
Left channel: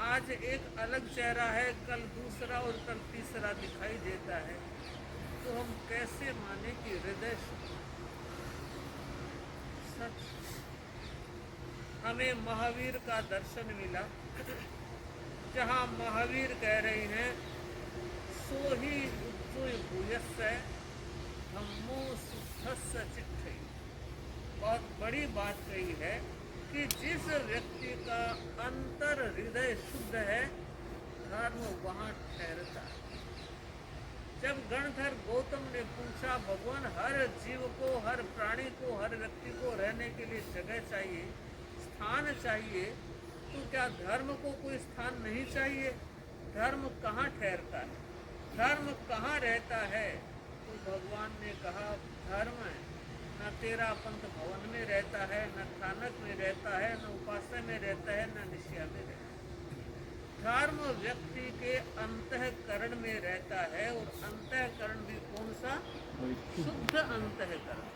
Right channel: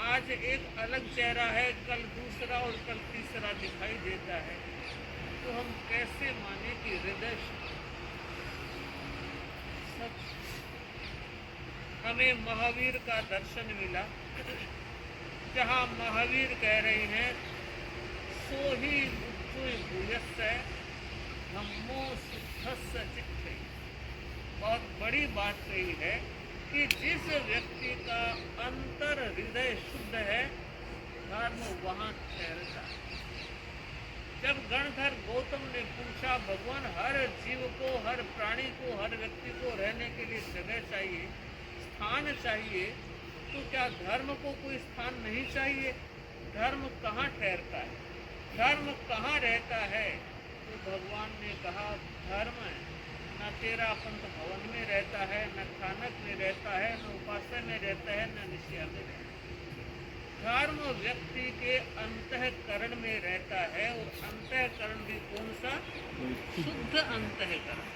आज एक अलग चेहरा है, कल दूसरा और कल तीसरा दिखाई देता है, तो हम कैसे माने कि हृदय सच? हमें महावीर का दर्शन मिला, जहाँ महावीर कह रहे हैं सो ही उच्चुय भूयस्स धम्मो शुद्धस्स चित्ते। बहुत बड़ी बात कही है कि जिस व्यक्ति का अंतर हृदय शुद्ध है, धर्म वहाँ ठहरता है। जब गणधर गौतम ने पूछा, भगवान हर जीव को, हर प्राणी को, हर व्यक्ति को रहने के लिए जगह चाहिए, स्थान चाहिए, तो क्या धर्म को कोई स्थान नहीं चाहिए? धर्म कहाँ ठहरता है, धर्म कहाँ रहता है? तो भगवान ने कहा, धर्म न तेरा पंथ भवन में रहता है, न थानक में रहता है, न उपासना में रहता है, न निश्चय में रहता है। धर्म व्यक्ति के अंतःकरण में रहता है, और अंतःकरण भी कौन सा? शुद्ध अंतःकरण।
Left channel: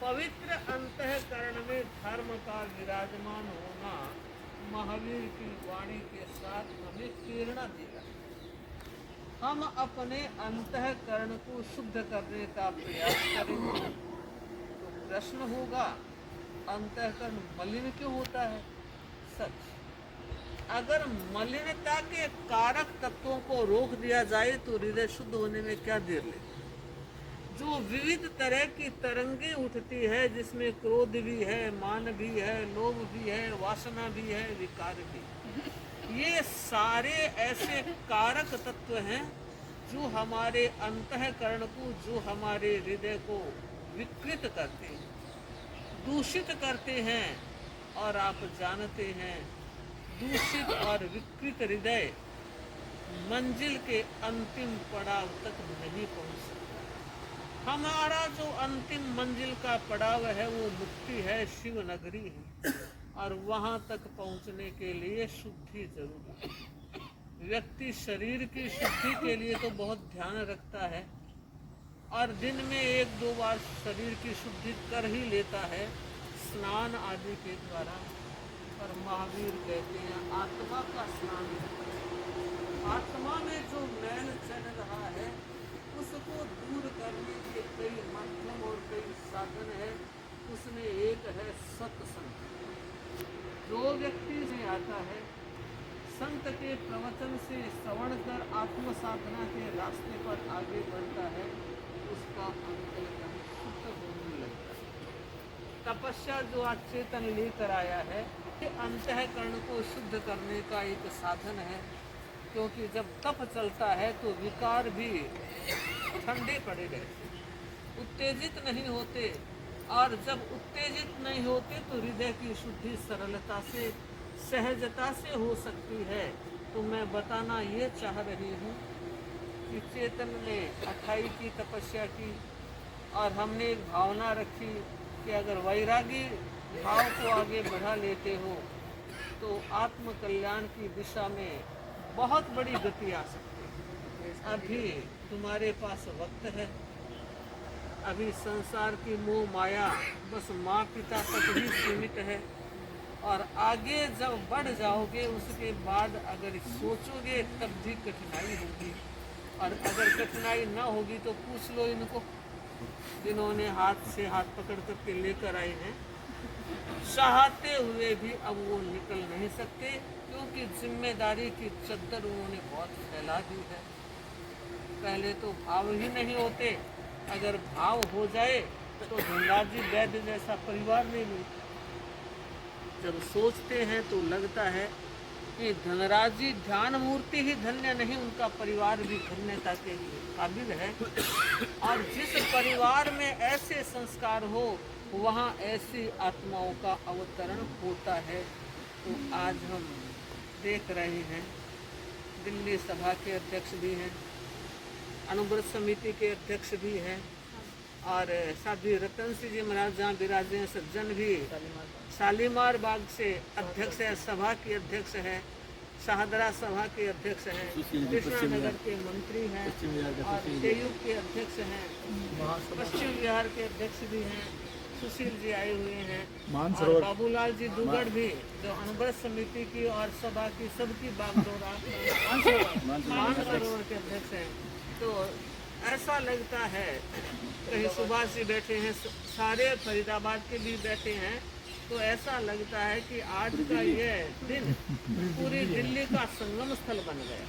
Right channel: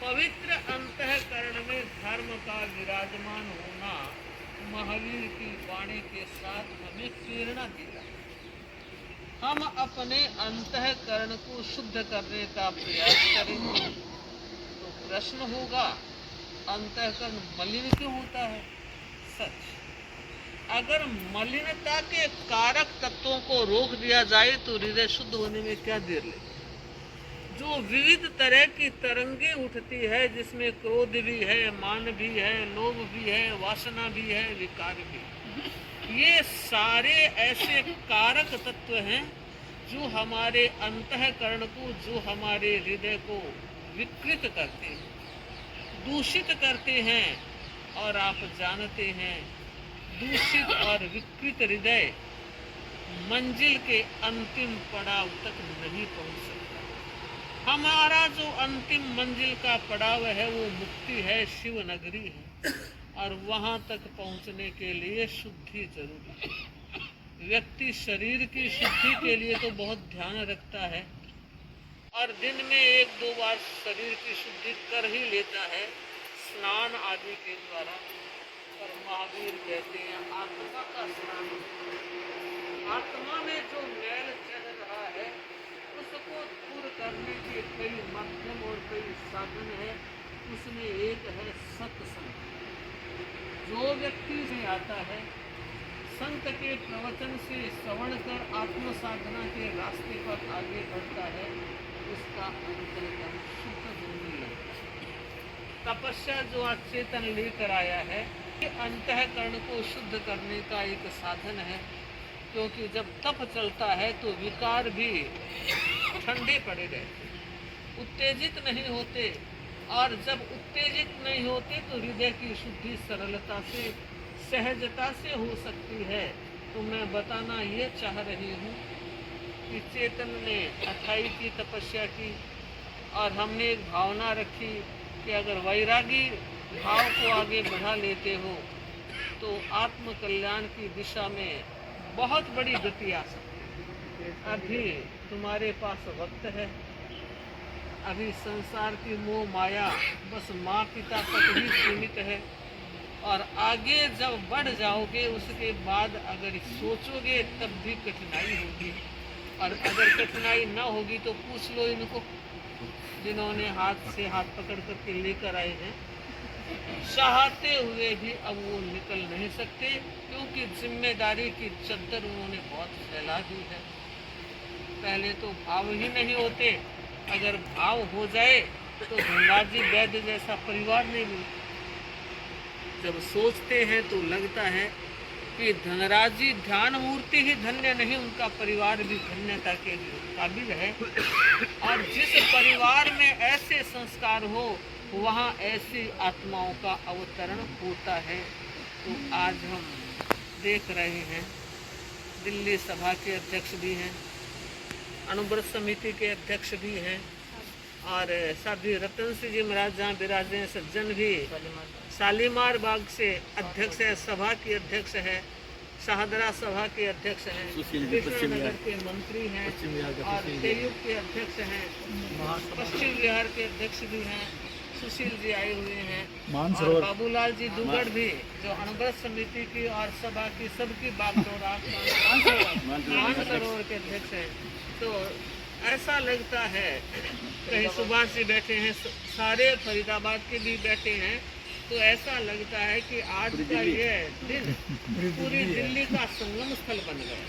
पवित्र अंतःकरण में धर्म का विराजमान होना महावीर की वाणी के साथ हमें प्रेरणा देता है। हम अपने अंतःकरण को शुद्ध करने का प्रयास करेंगे तो प्रश्न होगा, अंतःकरण मलिन क्यों होता है? सच, अगर मलिनता के कारक तत्वों को रोक दिया जाए तो हृदय शुद्ध होने में क्या देर लगेगी? जो विविध तरह की तरंगे उठती है, जिसमें क्रोध भी है, मान भी है, लोभ भी है, वासना भी है, विकार भी है, ये सारे ऐसे कारक तत्व हैं जो हमारे अंतःकरण को, जो हमारे हृदय को विकृत करते हैं, दूषित करते हैं। और आप जानते हैं, दूषित और विकृत हृदय मंजिल के अंतिम पड़ाव तक नहीं पहुंच सकता। हमारा जो अंतिम मंजिल का पड़ाव है वो मुक्ति है, शिव नगरी है, और वहां तक पहुंचने के लिए शुद्धि जरूरी है। व्यक्ति शरीर की शुद्धि के लिए तो बहुत ध्यान रखता है और दिन में 1-2 बार शरीर की शुद्धि कर ही लेता है, स्नान आदि के द्वारा। पर महावीर कहते हैं आत्मा का स्नान, आत्मा में जो मैल चल रहा है उसको दूर करने के कई माध्यम और कई साधन है। उसमें एक है सत्संग। जो व्यक्ति से आता है, संत के प्रवचन से श्रवण कर आत्म साधना के रास्ते पर आगे बढ़ता है, उसका अंतःकरण शुद्ध होने लगता है। तपस्या जो आज चेतन लेकर आया है, ये अंतःकरण को शुद्ध करने का एक साधन है। क्योंकि जब तप चलता है तो विकार भी ठंडे पड़े रहते, उत्तेजित नहीं होते, और जब उत्तेजित नहीं होते तो हृदय की शुद्धि सरलता से, सहजता से हो सकती है। तो मैं बताना ये चाह रही हूँ कि चेतन ने 28 की तपस्या की और हमने एक भावना रखी कि अगर वैरागी भाव को आगे बढ़ा लेते हो तो आत्म कल्याण की दिशा में बहुत बड़ी गति आ सकती है। अभी तुम्हारे पास वक्त है, अभी संसार की मोह माया बस माँ पिता तक ही सीमित है, और आगे जब बढ़ जाओगे उसके बाद अगर सोचोगे तब भी कठिनाई होगी। और अगर कठिनाई ना होगी तो पूछ लो इनको जिन्होंने हाथ से हाथ पकड़ करके लेकर आए हैं, चाहते हुए भी अब वो निकल नहीं सकते, क्योंकि जिम्मेदारी की चद्दर उन्होंने बहुत फैला दी है। पहले तो भाव ही नहीं होते, अगर भाव हो जाए तो धनराजी वैद्य जैसा परिवार नहीं मिलता। जब सोचते हैं तो लगता है कि धनराजी ध्यान मूर्ति ही धन्य नहीं, उनका परिवार भी धन्यता के काबिल है। और जिस परिवार में ऐसे संस्कार हो वहाँ ऐसी आत्माओं का अवतरण होता है। तो आज हम देख रहे हैं दिल्ली सभा के अध्यक्ष भी हैं, अनुव्रत समिति के अध्यक्ष भी हैं, और साध्वी रतन सिंह जी महाराज जहाँ विराजे हैं, सज्जन भी शालीमार बाग से अध्यक्ष है, सभा के अध्यक्ष है, शाहदरा सभा के अध्यक्ष हैं, कृष्णानगर के मंत्री हैं और केयू के अध्यक्ष हैं, पश्चिम बिहार के अध्यक्ष भी हैं, सुशील जी आए हुए हैं और बाबूलाल जी दुगड़ भी जो अनुबंध समिति की और सभा की सबकी बागडोरा मानसरोवर के अध्यक्ष हैं। तो ऐसा लगता है कहीं सुभाष जी बैठे हैं, सारे फरीदाबाद के भी बैठे हैं, तो ऐसा लगता है कि आज का ये दिन पूरी दिल्ली का संगम स्थल बन गया।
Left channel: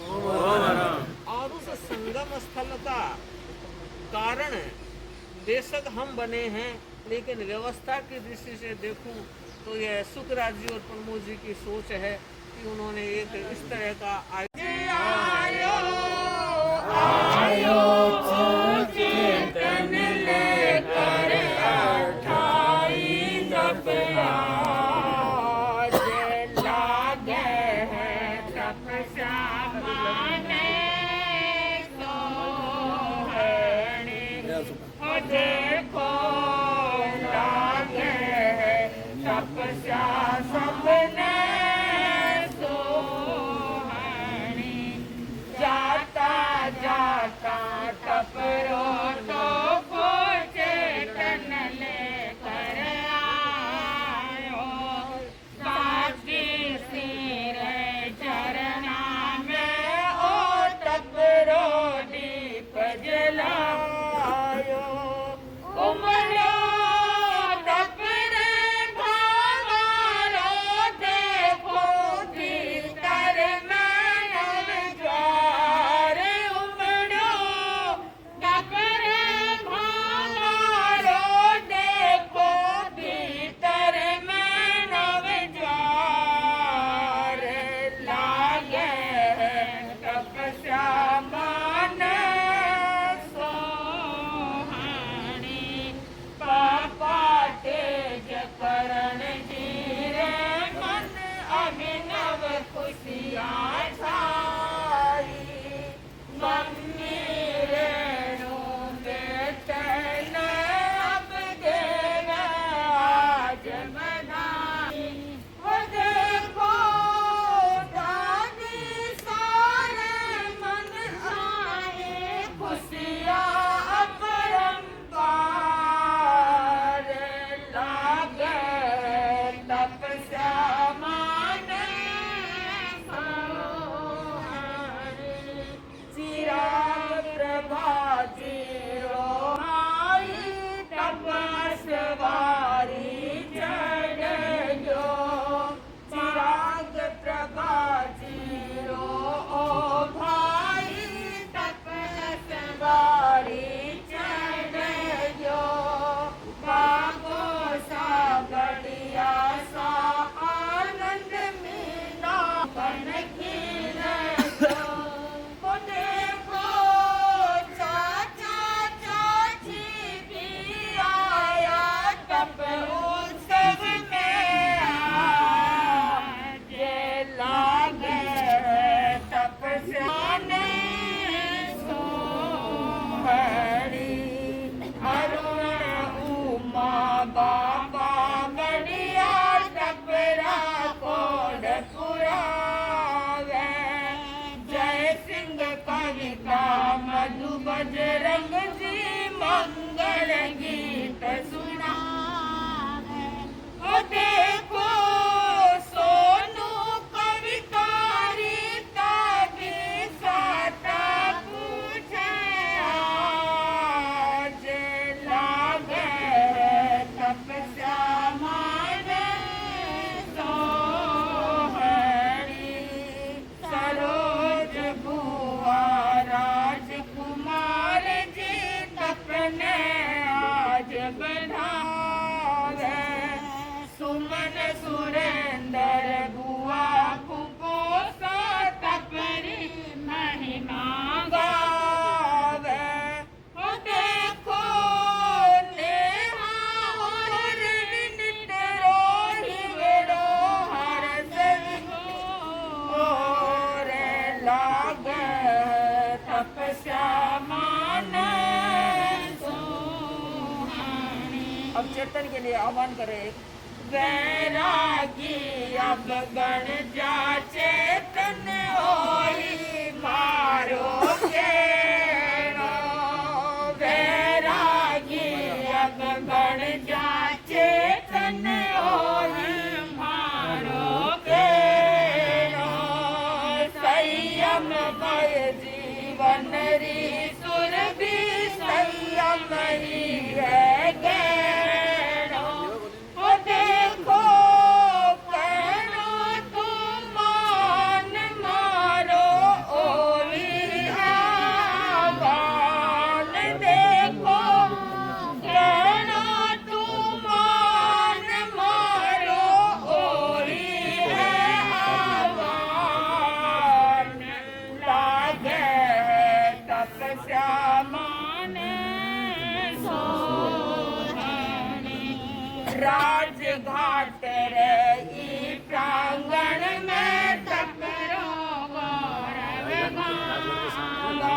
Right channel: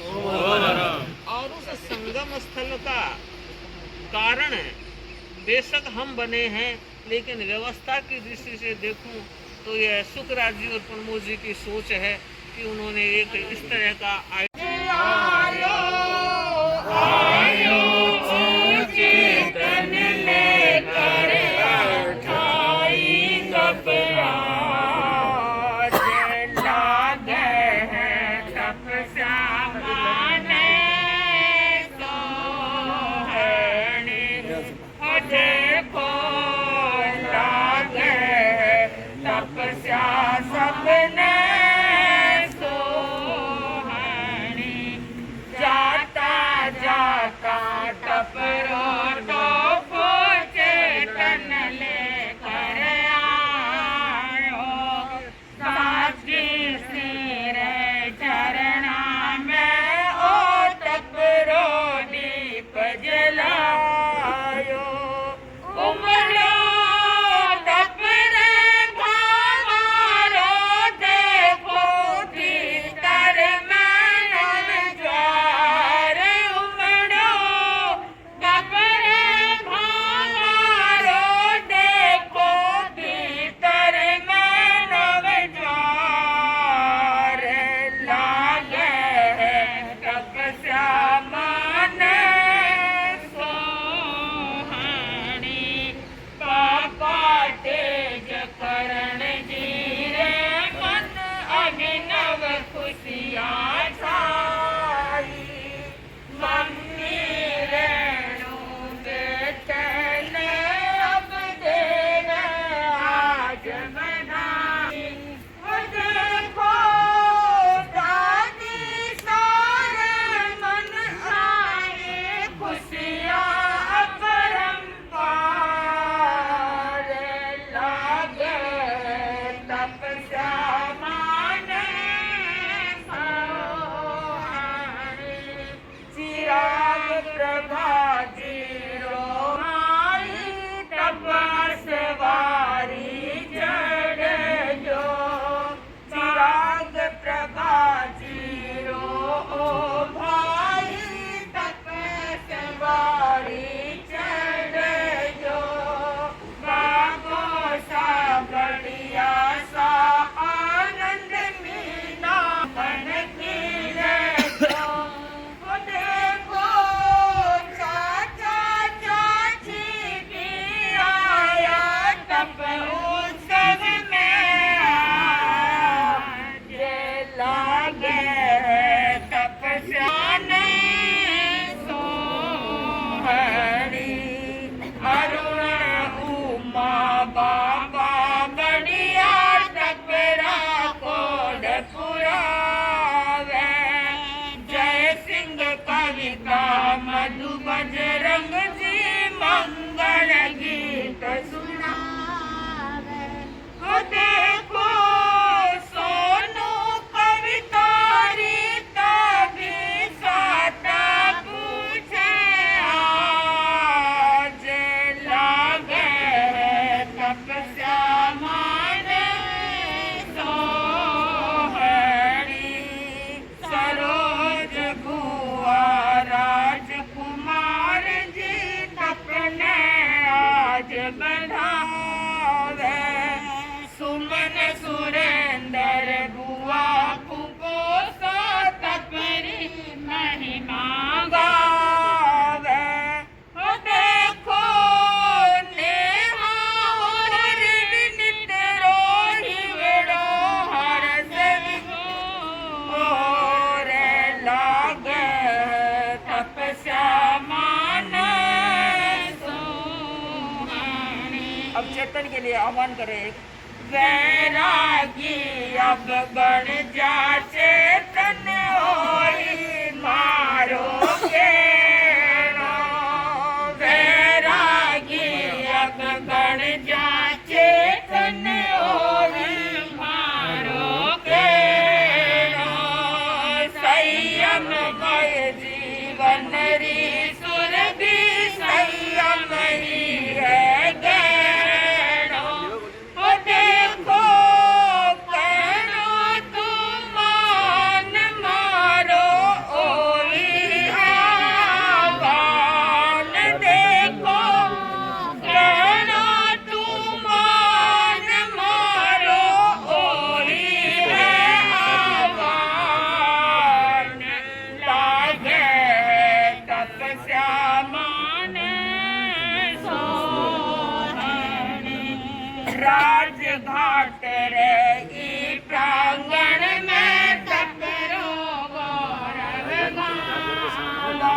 और उस संगम स्थल का कारण बेशक हम बने हैं, लेकिन व्यवस्था की दृष्टि से देखूं तो यह सुखराज जी और प्रमोद जी की सोच है कि उन्होंने एक इस तरह का बजरंग जी मंगल गीत सुना देखो सोनू कवितारी तभी साता पूछे आज लागे तपस्या माने सोहरी सरोज बुआ राजकुमार जी तपने आज बढ़ावे सुमन सुरेंद्र बुआ कुपोसा तपरी महिमा गावे हो देखो नेहा और विनित रोहि वेड़ो हर सेविको रे लागे तपस्या माने सोहरी अब चेतन के लिए आह्वान करें। वैरागी अब बन जा चेतन होई मारो केरो, वैरागी अब बन जा चेतन होई मारो केरो, संयम मय जीवन री सुर भी संयम ही है गैरो, ओ देखो करो तुम मान मारो ओई आह्वान, देखो करो तुम मान मारो ओई है आह्वान, लागे तपस्या माने सोहनी, राजघाट रही प्रांगण में टकरो गौरव गाला,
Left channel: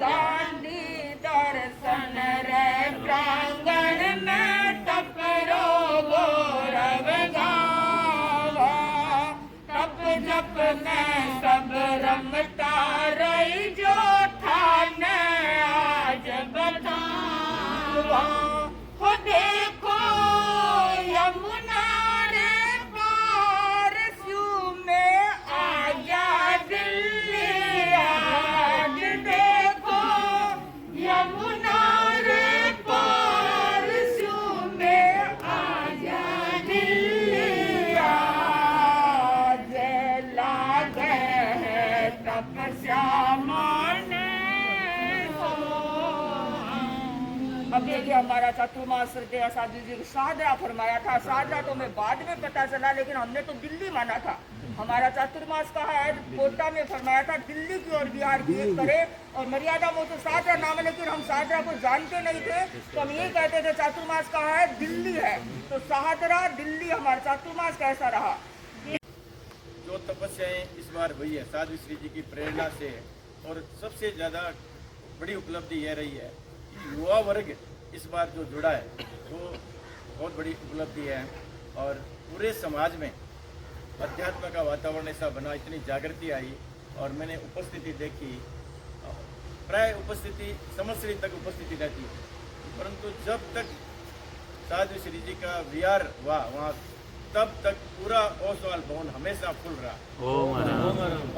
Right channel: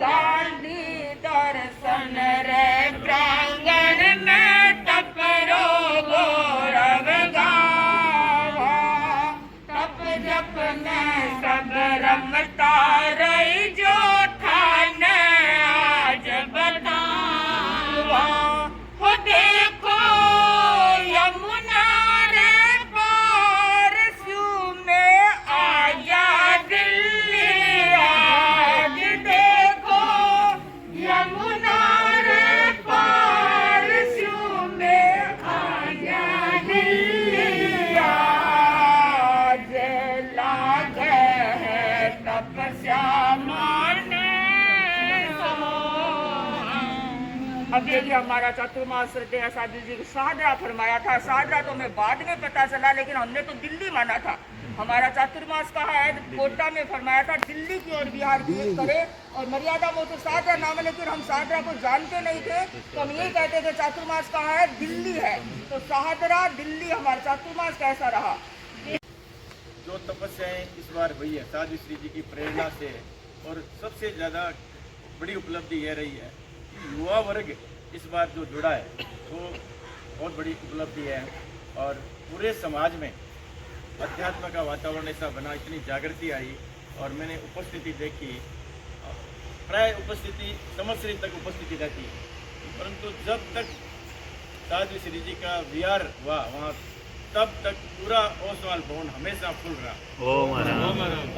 दांडी दर्शन रे प्रांगण में टकरो गौरव गाला, तप जप में सब रमता रही जो ठान आज बतावा, हो देखो यमुना रे पार स्यू में आया दिल्ली आज, देखो यमुना रे पार स्यू में आया दिल्ली आज, लागे है तपस्या माने अब ये जो हमारा चतुर्मास श्रद्धेय साधु जी शाहदरा फरमाया था, शाहदरा तो हमें बाद में पता चला, लेकिन हमने तो दिल्ली माना था। हमारा चातुर्मास का है कोटा में फरमाया था दिल्ली की ओर बिहार की करे, और मर्यादा में तो शाहदरा नाम है, लेकिन हम शाहदरा को जानते नहीं थे, तो हम यही कहते थे चातुर्मास कहाँ है, दिल्ली है, तो शाहदरा दिल्ली हमारा चातुर्मास कैसा रहा। जो तपस्याएं इस बार हुई है साधु श्री जी की प्रेरणा से, और सबसे ज़्यादा बड़ी उपलब्धि यह रही है कि युवा वर्ग इस बार जो जुड़ा है वो बहुत बड़ी उपलब्धि है, और पूरे समाज में अध्यात्म का वातावरण ऐसा बना, इतनी जागृति आई, और मैंने उपस्थिति देखी, प्राय उपस्थिति संवत्सरी तक उपस्थिति रहती है, परंतु जब तक साधु श्री जी का विहार हुआ वहाँ तब तक पूरा ओसवाल भवन हमेशा फुल रहा,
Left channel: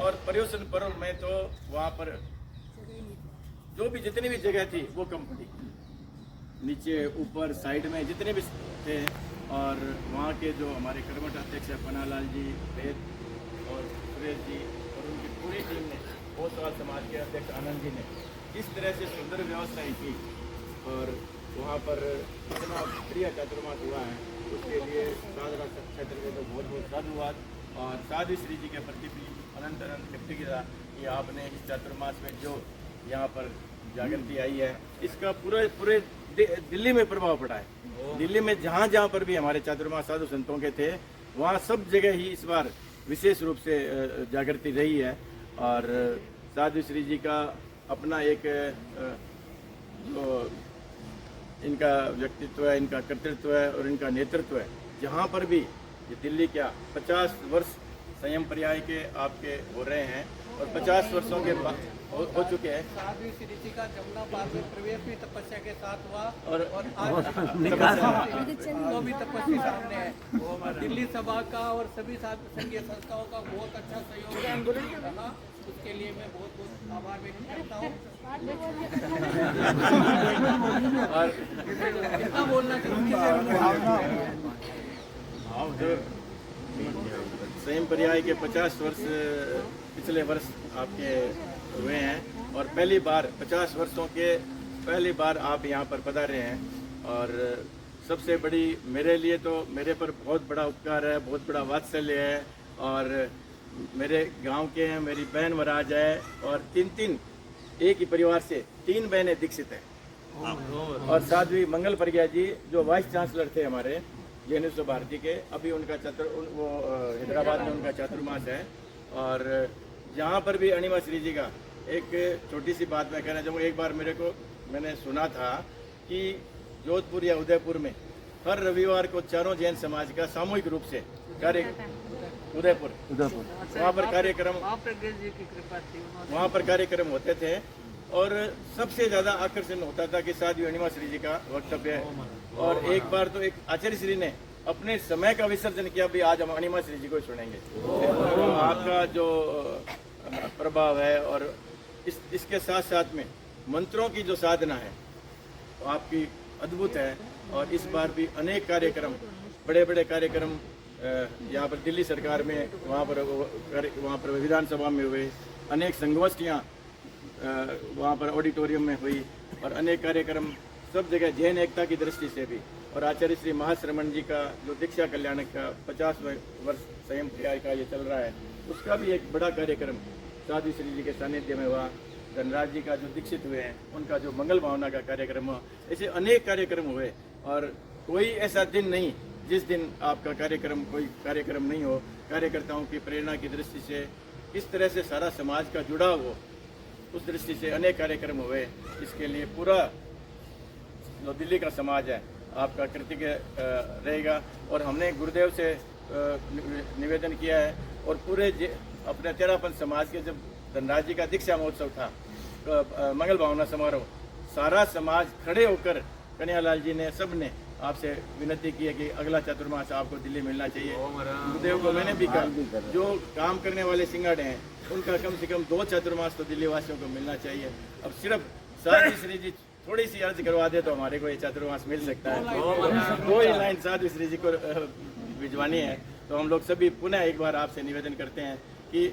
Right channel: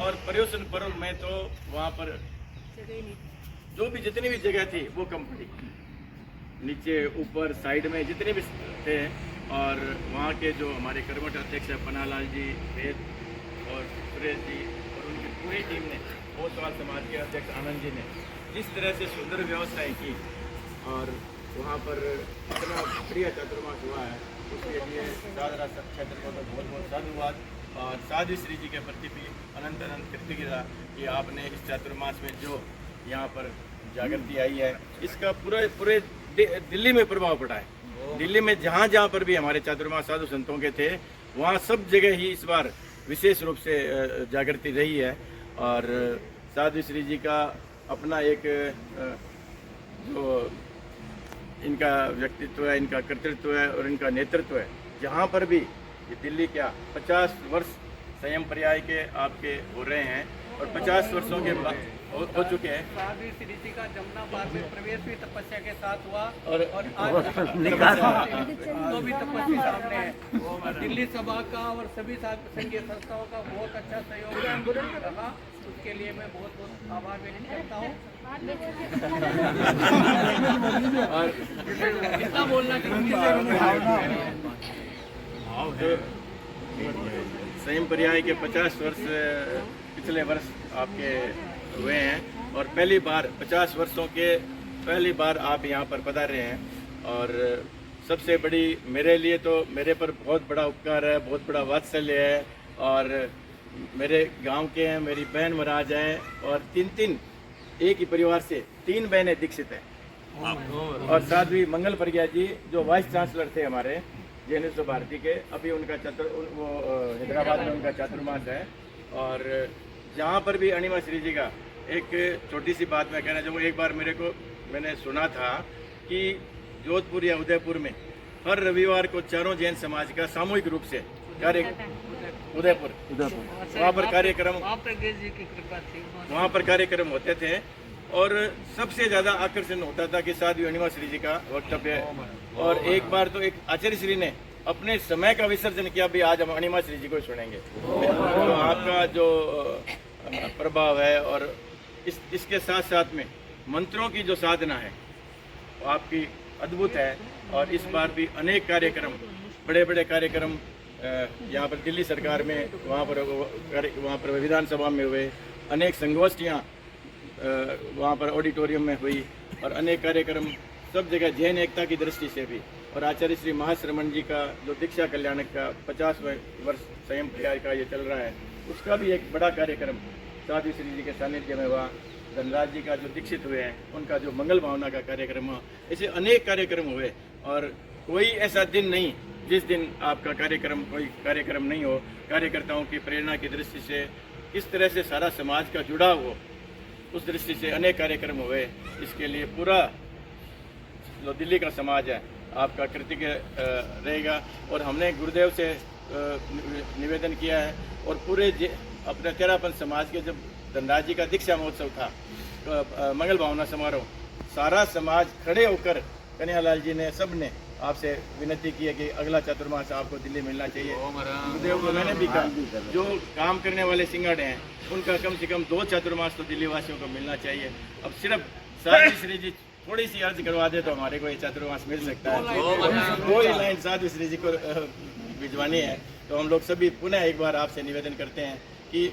और पर्युषण पर्व में तो वहाँ पर जो भी जितनी भी जगह थी वो कम पड़ी, नीचे ऊपर साइड में जितने भी थे, और वहाँ के जो हमारे कर्मठ अध्यक्ष है पन्नालाल जी, वेद और सुरेश जी और उनकी पूरी टीम ने, ओसवाल समाज के अध्यक्ष आनंद जी ने जिस तरह से सुंदर व्यवस्थाएं की, और वहाँ पर इतना बढ़िया चातुर्मास हुआ है, उसके लिए शाहदरा क्षेत्र को तो बहुत बहुत धन्यवाद, और साधु श्री जी के प्रति भी अनंत अनंत कृतज्ञता कि आपने इस चातुर्मास में जो यहाँ पर जागृति आई है, इसका पूरे दिल्ली में प्रभाव पड़ा है। दिल्ली में जहाँ जहाँ पर भी हमारे चातुर्मास साधु संतों के थे, वहाँ सब जगह ही इस बार विशेष रूप से जागृति रही है, और साधु श्री जी का अपना एक जो इनका व्यक्तित्व है, इनका कर्तृत्व है और इनका नेतृत्व है, जहाँ पर भी ये दिल्ली क्या 50 वर्ष संयम पर्याय के आपके हो रहे हैं, और 50 वर्षों के हो चुके हैं। साधु श्री जी का जमुना पार में प्रवेश भी तपस्या के साथ हुआ, और आज तो भी तपस्या सामने है। दिल्ली सभा का और सभी संघीय संस्थाओं का बहुत अच्छा सहयोग रहा, उसके लिए मैं बहुत बहुत आभार व्यक्त करता हूँ। कितना बोलना संयम पर्याय के 50 वर्ष पिछले वर्ष आपके हुए हैं, और पहली बार 50 वर्षों के पहली बार आप यहाँ पर पधारे हैं, और सबसे बड़ी मेरे लिए तो मेरे पर बहुत बड़ा उपकार है, बहुत बड़ा वात्सल्य है, और मेरे गांव के हैं, मेरी बहन महाराज है, और तीन एक ही परिवार से 3 बहनें दीक्षित हैं, और साध्वी मंगल प्रज्ञा जी जो वाइस चांसलर थे हमारे जैनिस्व भारती के, अभी उनका वो हैदराबाद में उनका चातुर्मास है। और जहाँ पर भी अणिमा श्री जी का एक छोटी सी बात मैं कहना चाहूँगा, एक बार मैंने सुना था कि जोधपुर या उदयपुर में हर रविवार को चारों जैन समाज का सामूहिक रूप से उदयपुर वहाँ पर कार्यक्रम वहाँ पर कार्यक्रम होते थे और सबसे ज्यादा आकर्षण होता था कि साध्वी अणिमा श्री जी का वक्तव्य। और एक बार तो एक आचार्य श्री ने अपने समय का विसर्जन किया, भी आज हम अणिमा श्री जी को सुनेंगे। तो आपका जो प्रभाव है और इसके साथ साथ में मंत्रों की जो साधना है वो आपकी अद्भुत है। और इस बार भी अनेक कार्यक्रम, बड़े बड़े कार्यक्रम यहाँ पर दिल्ली सरकार में, वहाँ पर विधानसभा में हुए, अनेक संगोष्ठियाँ वहाँ पर ऑडिटोरियम में हुई और अनेक कार्यक्रम सब जगह जैन एकता की दृष्टि से भी। और आचार्य श्री महाश्रमण जी का जो दीक्षा कल्याण का 50वें वर्ष संयम क्रिया का ये चल रहा है, उसका भी एक बड़ा कार्यक्रम साध्वी श्री जी के सानिध्य में हुआ। धनराज जी का जो दीक्षित हुए हैं उनका जो मंगल भावना का कार्यक्रम हुआ, ऐसे अनेक कार्यक्रम हुए। और कोई ऐसा दिन नहीं जिस दिन आपका कार्यक्रम, कोई कार्यक्रम नहीं हो। कार्यकर्ताओं की प्रेरणा की दृष्टि से इस तरह से सारा समाज का जुड़ाव हो, उस दृष्टि से अनेक कार्यक्रम हुए। इसके लिए पूरा जो दिल्ली का समाज है आपका कृतज्ञ रहेगा। और हमने गुरुदेव से निवेदन किया है और पूरे अपने तेरापंथ समाज के जब धनराज जी का दीक्षा महोत्सव था, मंगल भावना समारोह, सारा समाज खड़े होकर कन्हैयालाल जी ने, सब ने आपसे विनती की है कि अगला चतुर्मास आपको दिल्ली मिलना चाहिए। गुरुदेव को मैंने भी कहा, जो काम करने वाले सिंगाड़े हैं उनका कम से कम 2 चतुर्मास तो दिल्ली वासियों को मिलना चाहिए। अब सिर्फ साध्वी श्री जी थोड़ी सी अर्ज करवा दे तो हमारे को ये चतुर्मास मिल सकता है। 2 ही लाइन साध्वी श्री जी को भिजवानी है। तो हम लोग सभी पुनः एक बार आपसे निवेदन करते हैं कि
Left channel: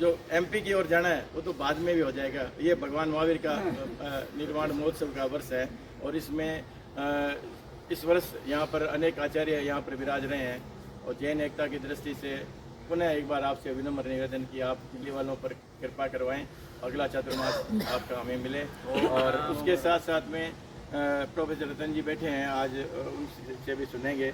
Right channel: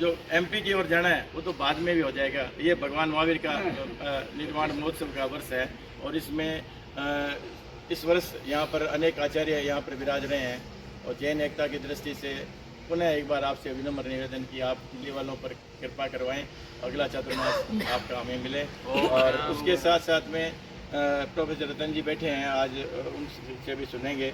जो एमपी की ओर जाना है वो तो बाद में भी हो जाएगा। ये भगवान महावीर का निर्वाण महोत्सव का वर्ष है और इसमें इस वर्ष यहाँ पर अनेक आचार्य यहाँ पर विराज रहे हैं। और जैन एकता की दृष्टि से पुनः एक बार आपसे विनम्र निवेदन कि आप दिल्ली वालों पर कृपा करवाएं, अगला चतुर्मास आपका हमें मिले। और उसके साथ साथ में प्रोफेसर रतन जी बैठे हैं, आज उनसे भी सुनेंगे।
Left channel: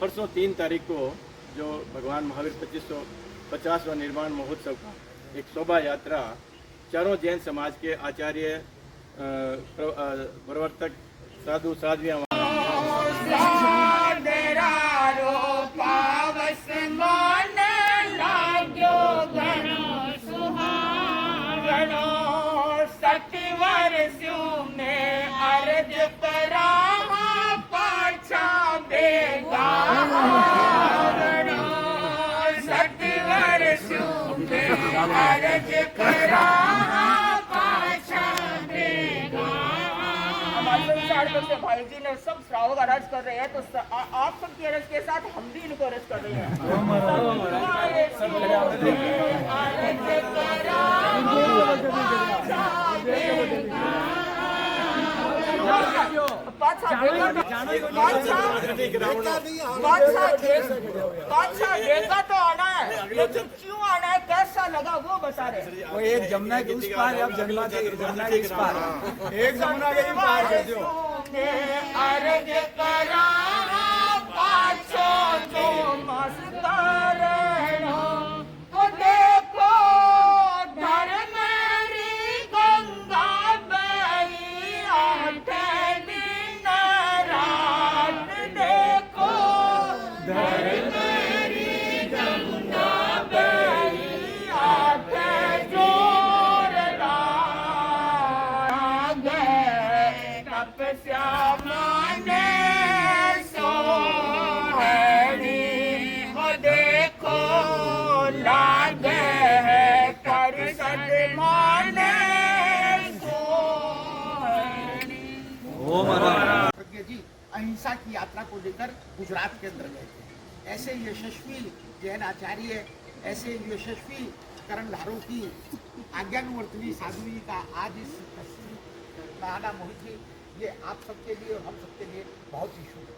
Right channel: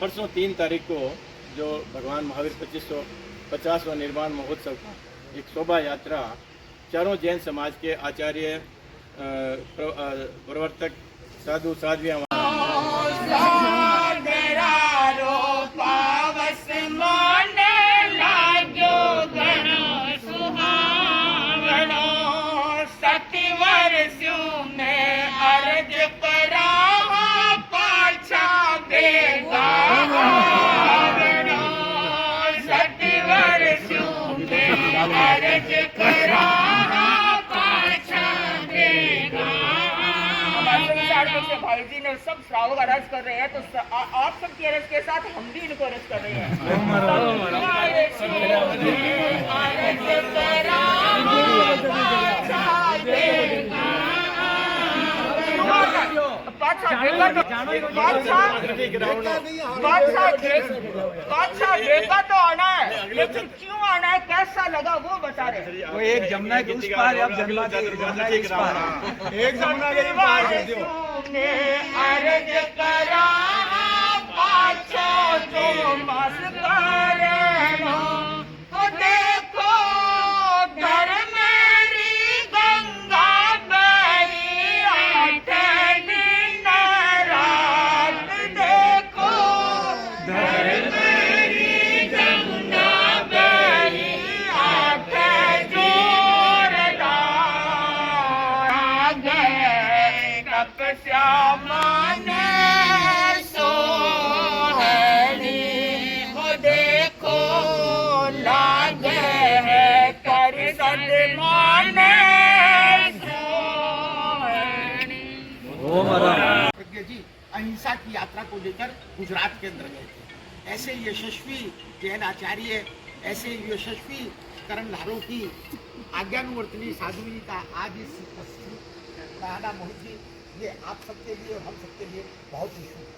परसों 3 तारीख को जो भगवान महावीर 2550वां निर्वाण महोत्सव का एक शोभा यात्रा चारों जैन समाज के आचार्य, प्रवर्तक, साधु साध्वियाँ भाई जी ने सब श्रावक अरज कर रहे हैं, तो आप सबकी अरज के साथ हम भी इनको अरज कर रहे हैं। बादशाह देखा तो आना है, लेकिन क्यों आना है, कैसा लगा वो बता रहे। वो एक जमुना के उस पार है, अब जमुना के इस पार है। एक जमुना के पार कर दो। अर्ज करा बादशाह को मस करे हो, देखो घर मेरी गंगा बही आठे दिन रात, देखो घर मेरी गंगा बही आठे दिन रात, कप श्यामा ने सोहनी हो, देखो लाग है कर सदमाने सोहनी। जी अहिंसा की यात्रा को लेकर गुजरात के अंदर गए थे। ऐसे यशस्वी जैन आचार्य, ऐसे यशस्वी कर्मधारों की आज्ञानुवर्तनी साध्वी का आज इस महाना मोहित जी, ये आप सबके लिए और हम सबके लिए बहुत ही शुभ है।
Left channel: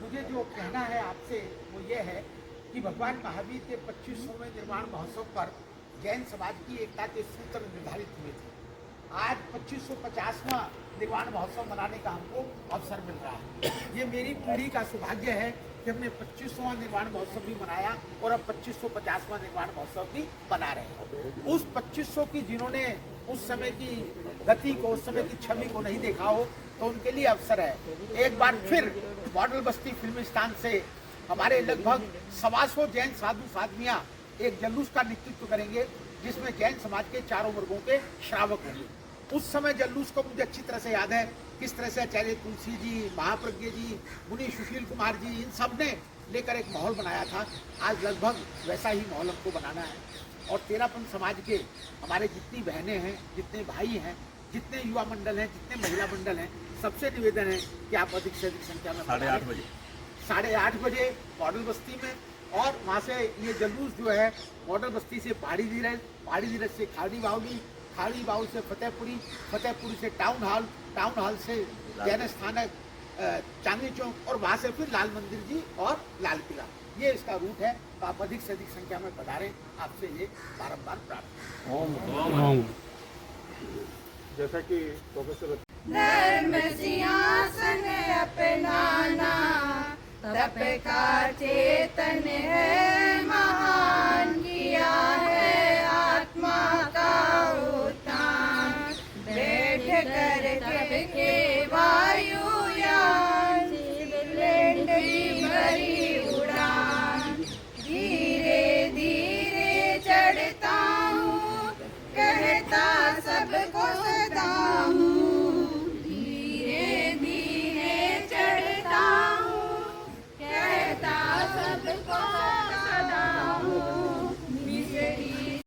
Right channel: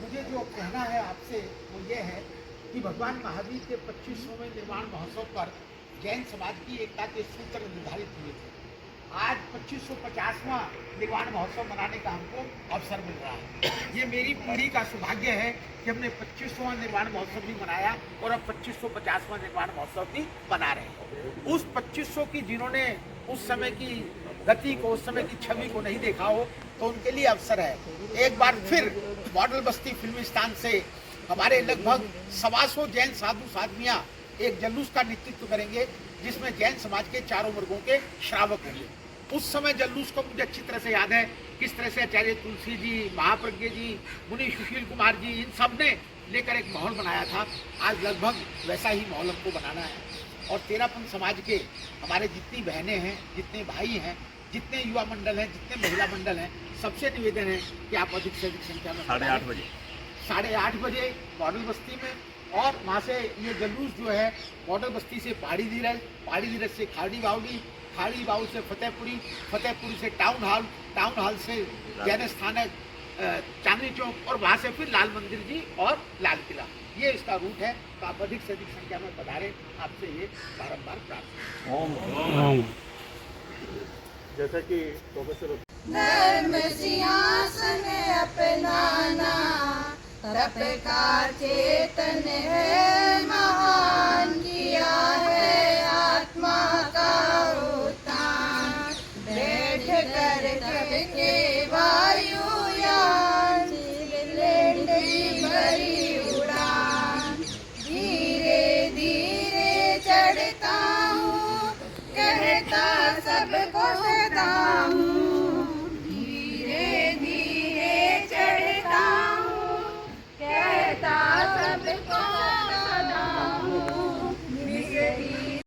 मुझे जो कहना है आपसे वो ये है कि भगवान महावीर के 25वें निर्वाण महोत्सव पर जैन समाज की एकता के सूत्र निर्धारित हुए थे। आज 2550वां निर्वाण महोत्सव मनाने का हमको अवसर मिल रहा है। ये मेरी पीढ़ी का सौभाग्य है कि हमने 25वां निर्वाण महोत्सव भी मनाया और अब 2550वां निर्वाण महोत्सव भी मना रहे हैं। उस 2500 की जिन्होंने उस समय की गति को, उस समय की छवि को नहीं देखा हो, तो उनके लिए अवसर है। एक बार फिर मॉडल बस्ती फिल्मिस्तान से हमारे लगभग 125 जैन साधु साधवियां एक जुलूस का नेतृत्व करेंगे, जिसमें जैन समाज के चारों वर्गों के श्रावक होंगे। उस समय जुलूस को मुझे अच्छी तरह से याद है, किस तरह से आचार्य तुलसी जी, महाप्रज्ञ जी, मुनि सुशील कुमार जी, इन सब ने लेकर एक माहौल बनाया था। आज लगभग वैसा ही माहौल हमको बनाना है। और तेरापंथ समाज के हमारे जितनी बहनें हैं, जितने भाई हैं, जितने युवा मंडल हैं, जितने महिला मंडल हैं, सबसे निवेदन है कि आप अधिक से अधिक संख्या में 8:30 बजे मॉडल बस्ती में, और वहाँ से ये जुलूस जो है मॉडल बस्ती से पहाड़ी धीरज से खाड़ी बाउल से फतेहपुरी से टाउन हॉल से जैन स्थानक, चांदनी चौक, और वहाँ से फिर लाल मंदिर जी और लाल किला। ये इसका रूट है। तो आप अधिक से अधिक संख्या में पधारें, आपसे ये बारंबार प्रार्थना। जैसा कि प्रोफेसर धर्म सिंहासन अपनाना तप का चेतन है महान, किया है आत्मा का उत्थान, बैठ कर करके वायुयान, लैंड की भरी उड़ान, धीरे धीरे चढ़ता हूँ, कहता सबको सदा हूँ, धीरे धीरे चढ़ता हूँ, कहता सबको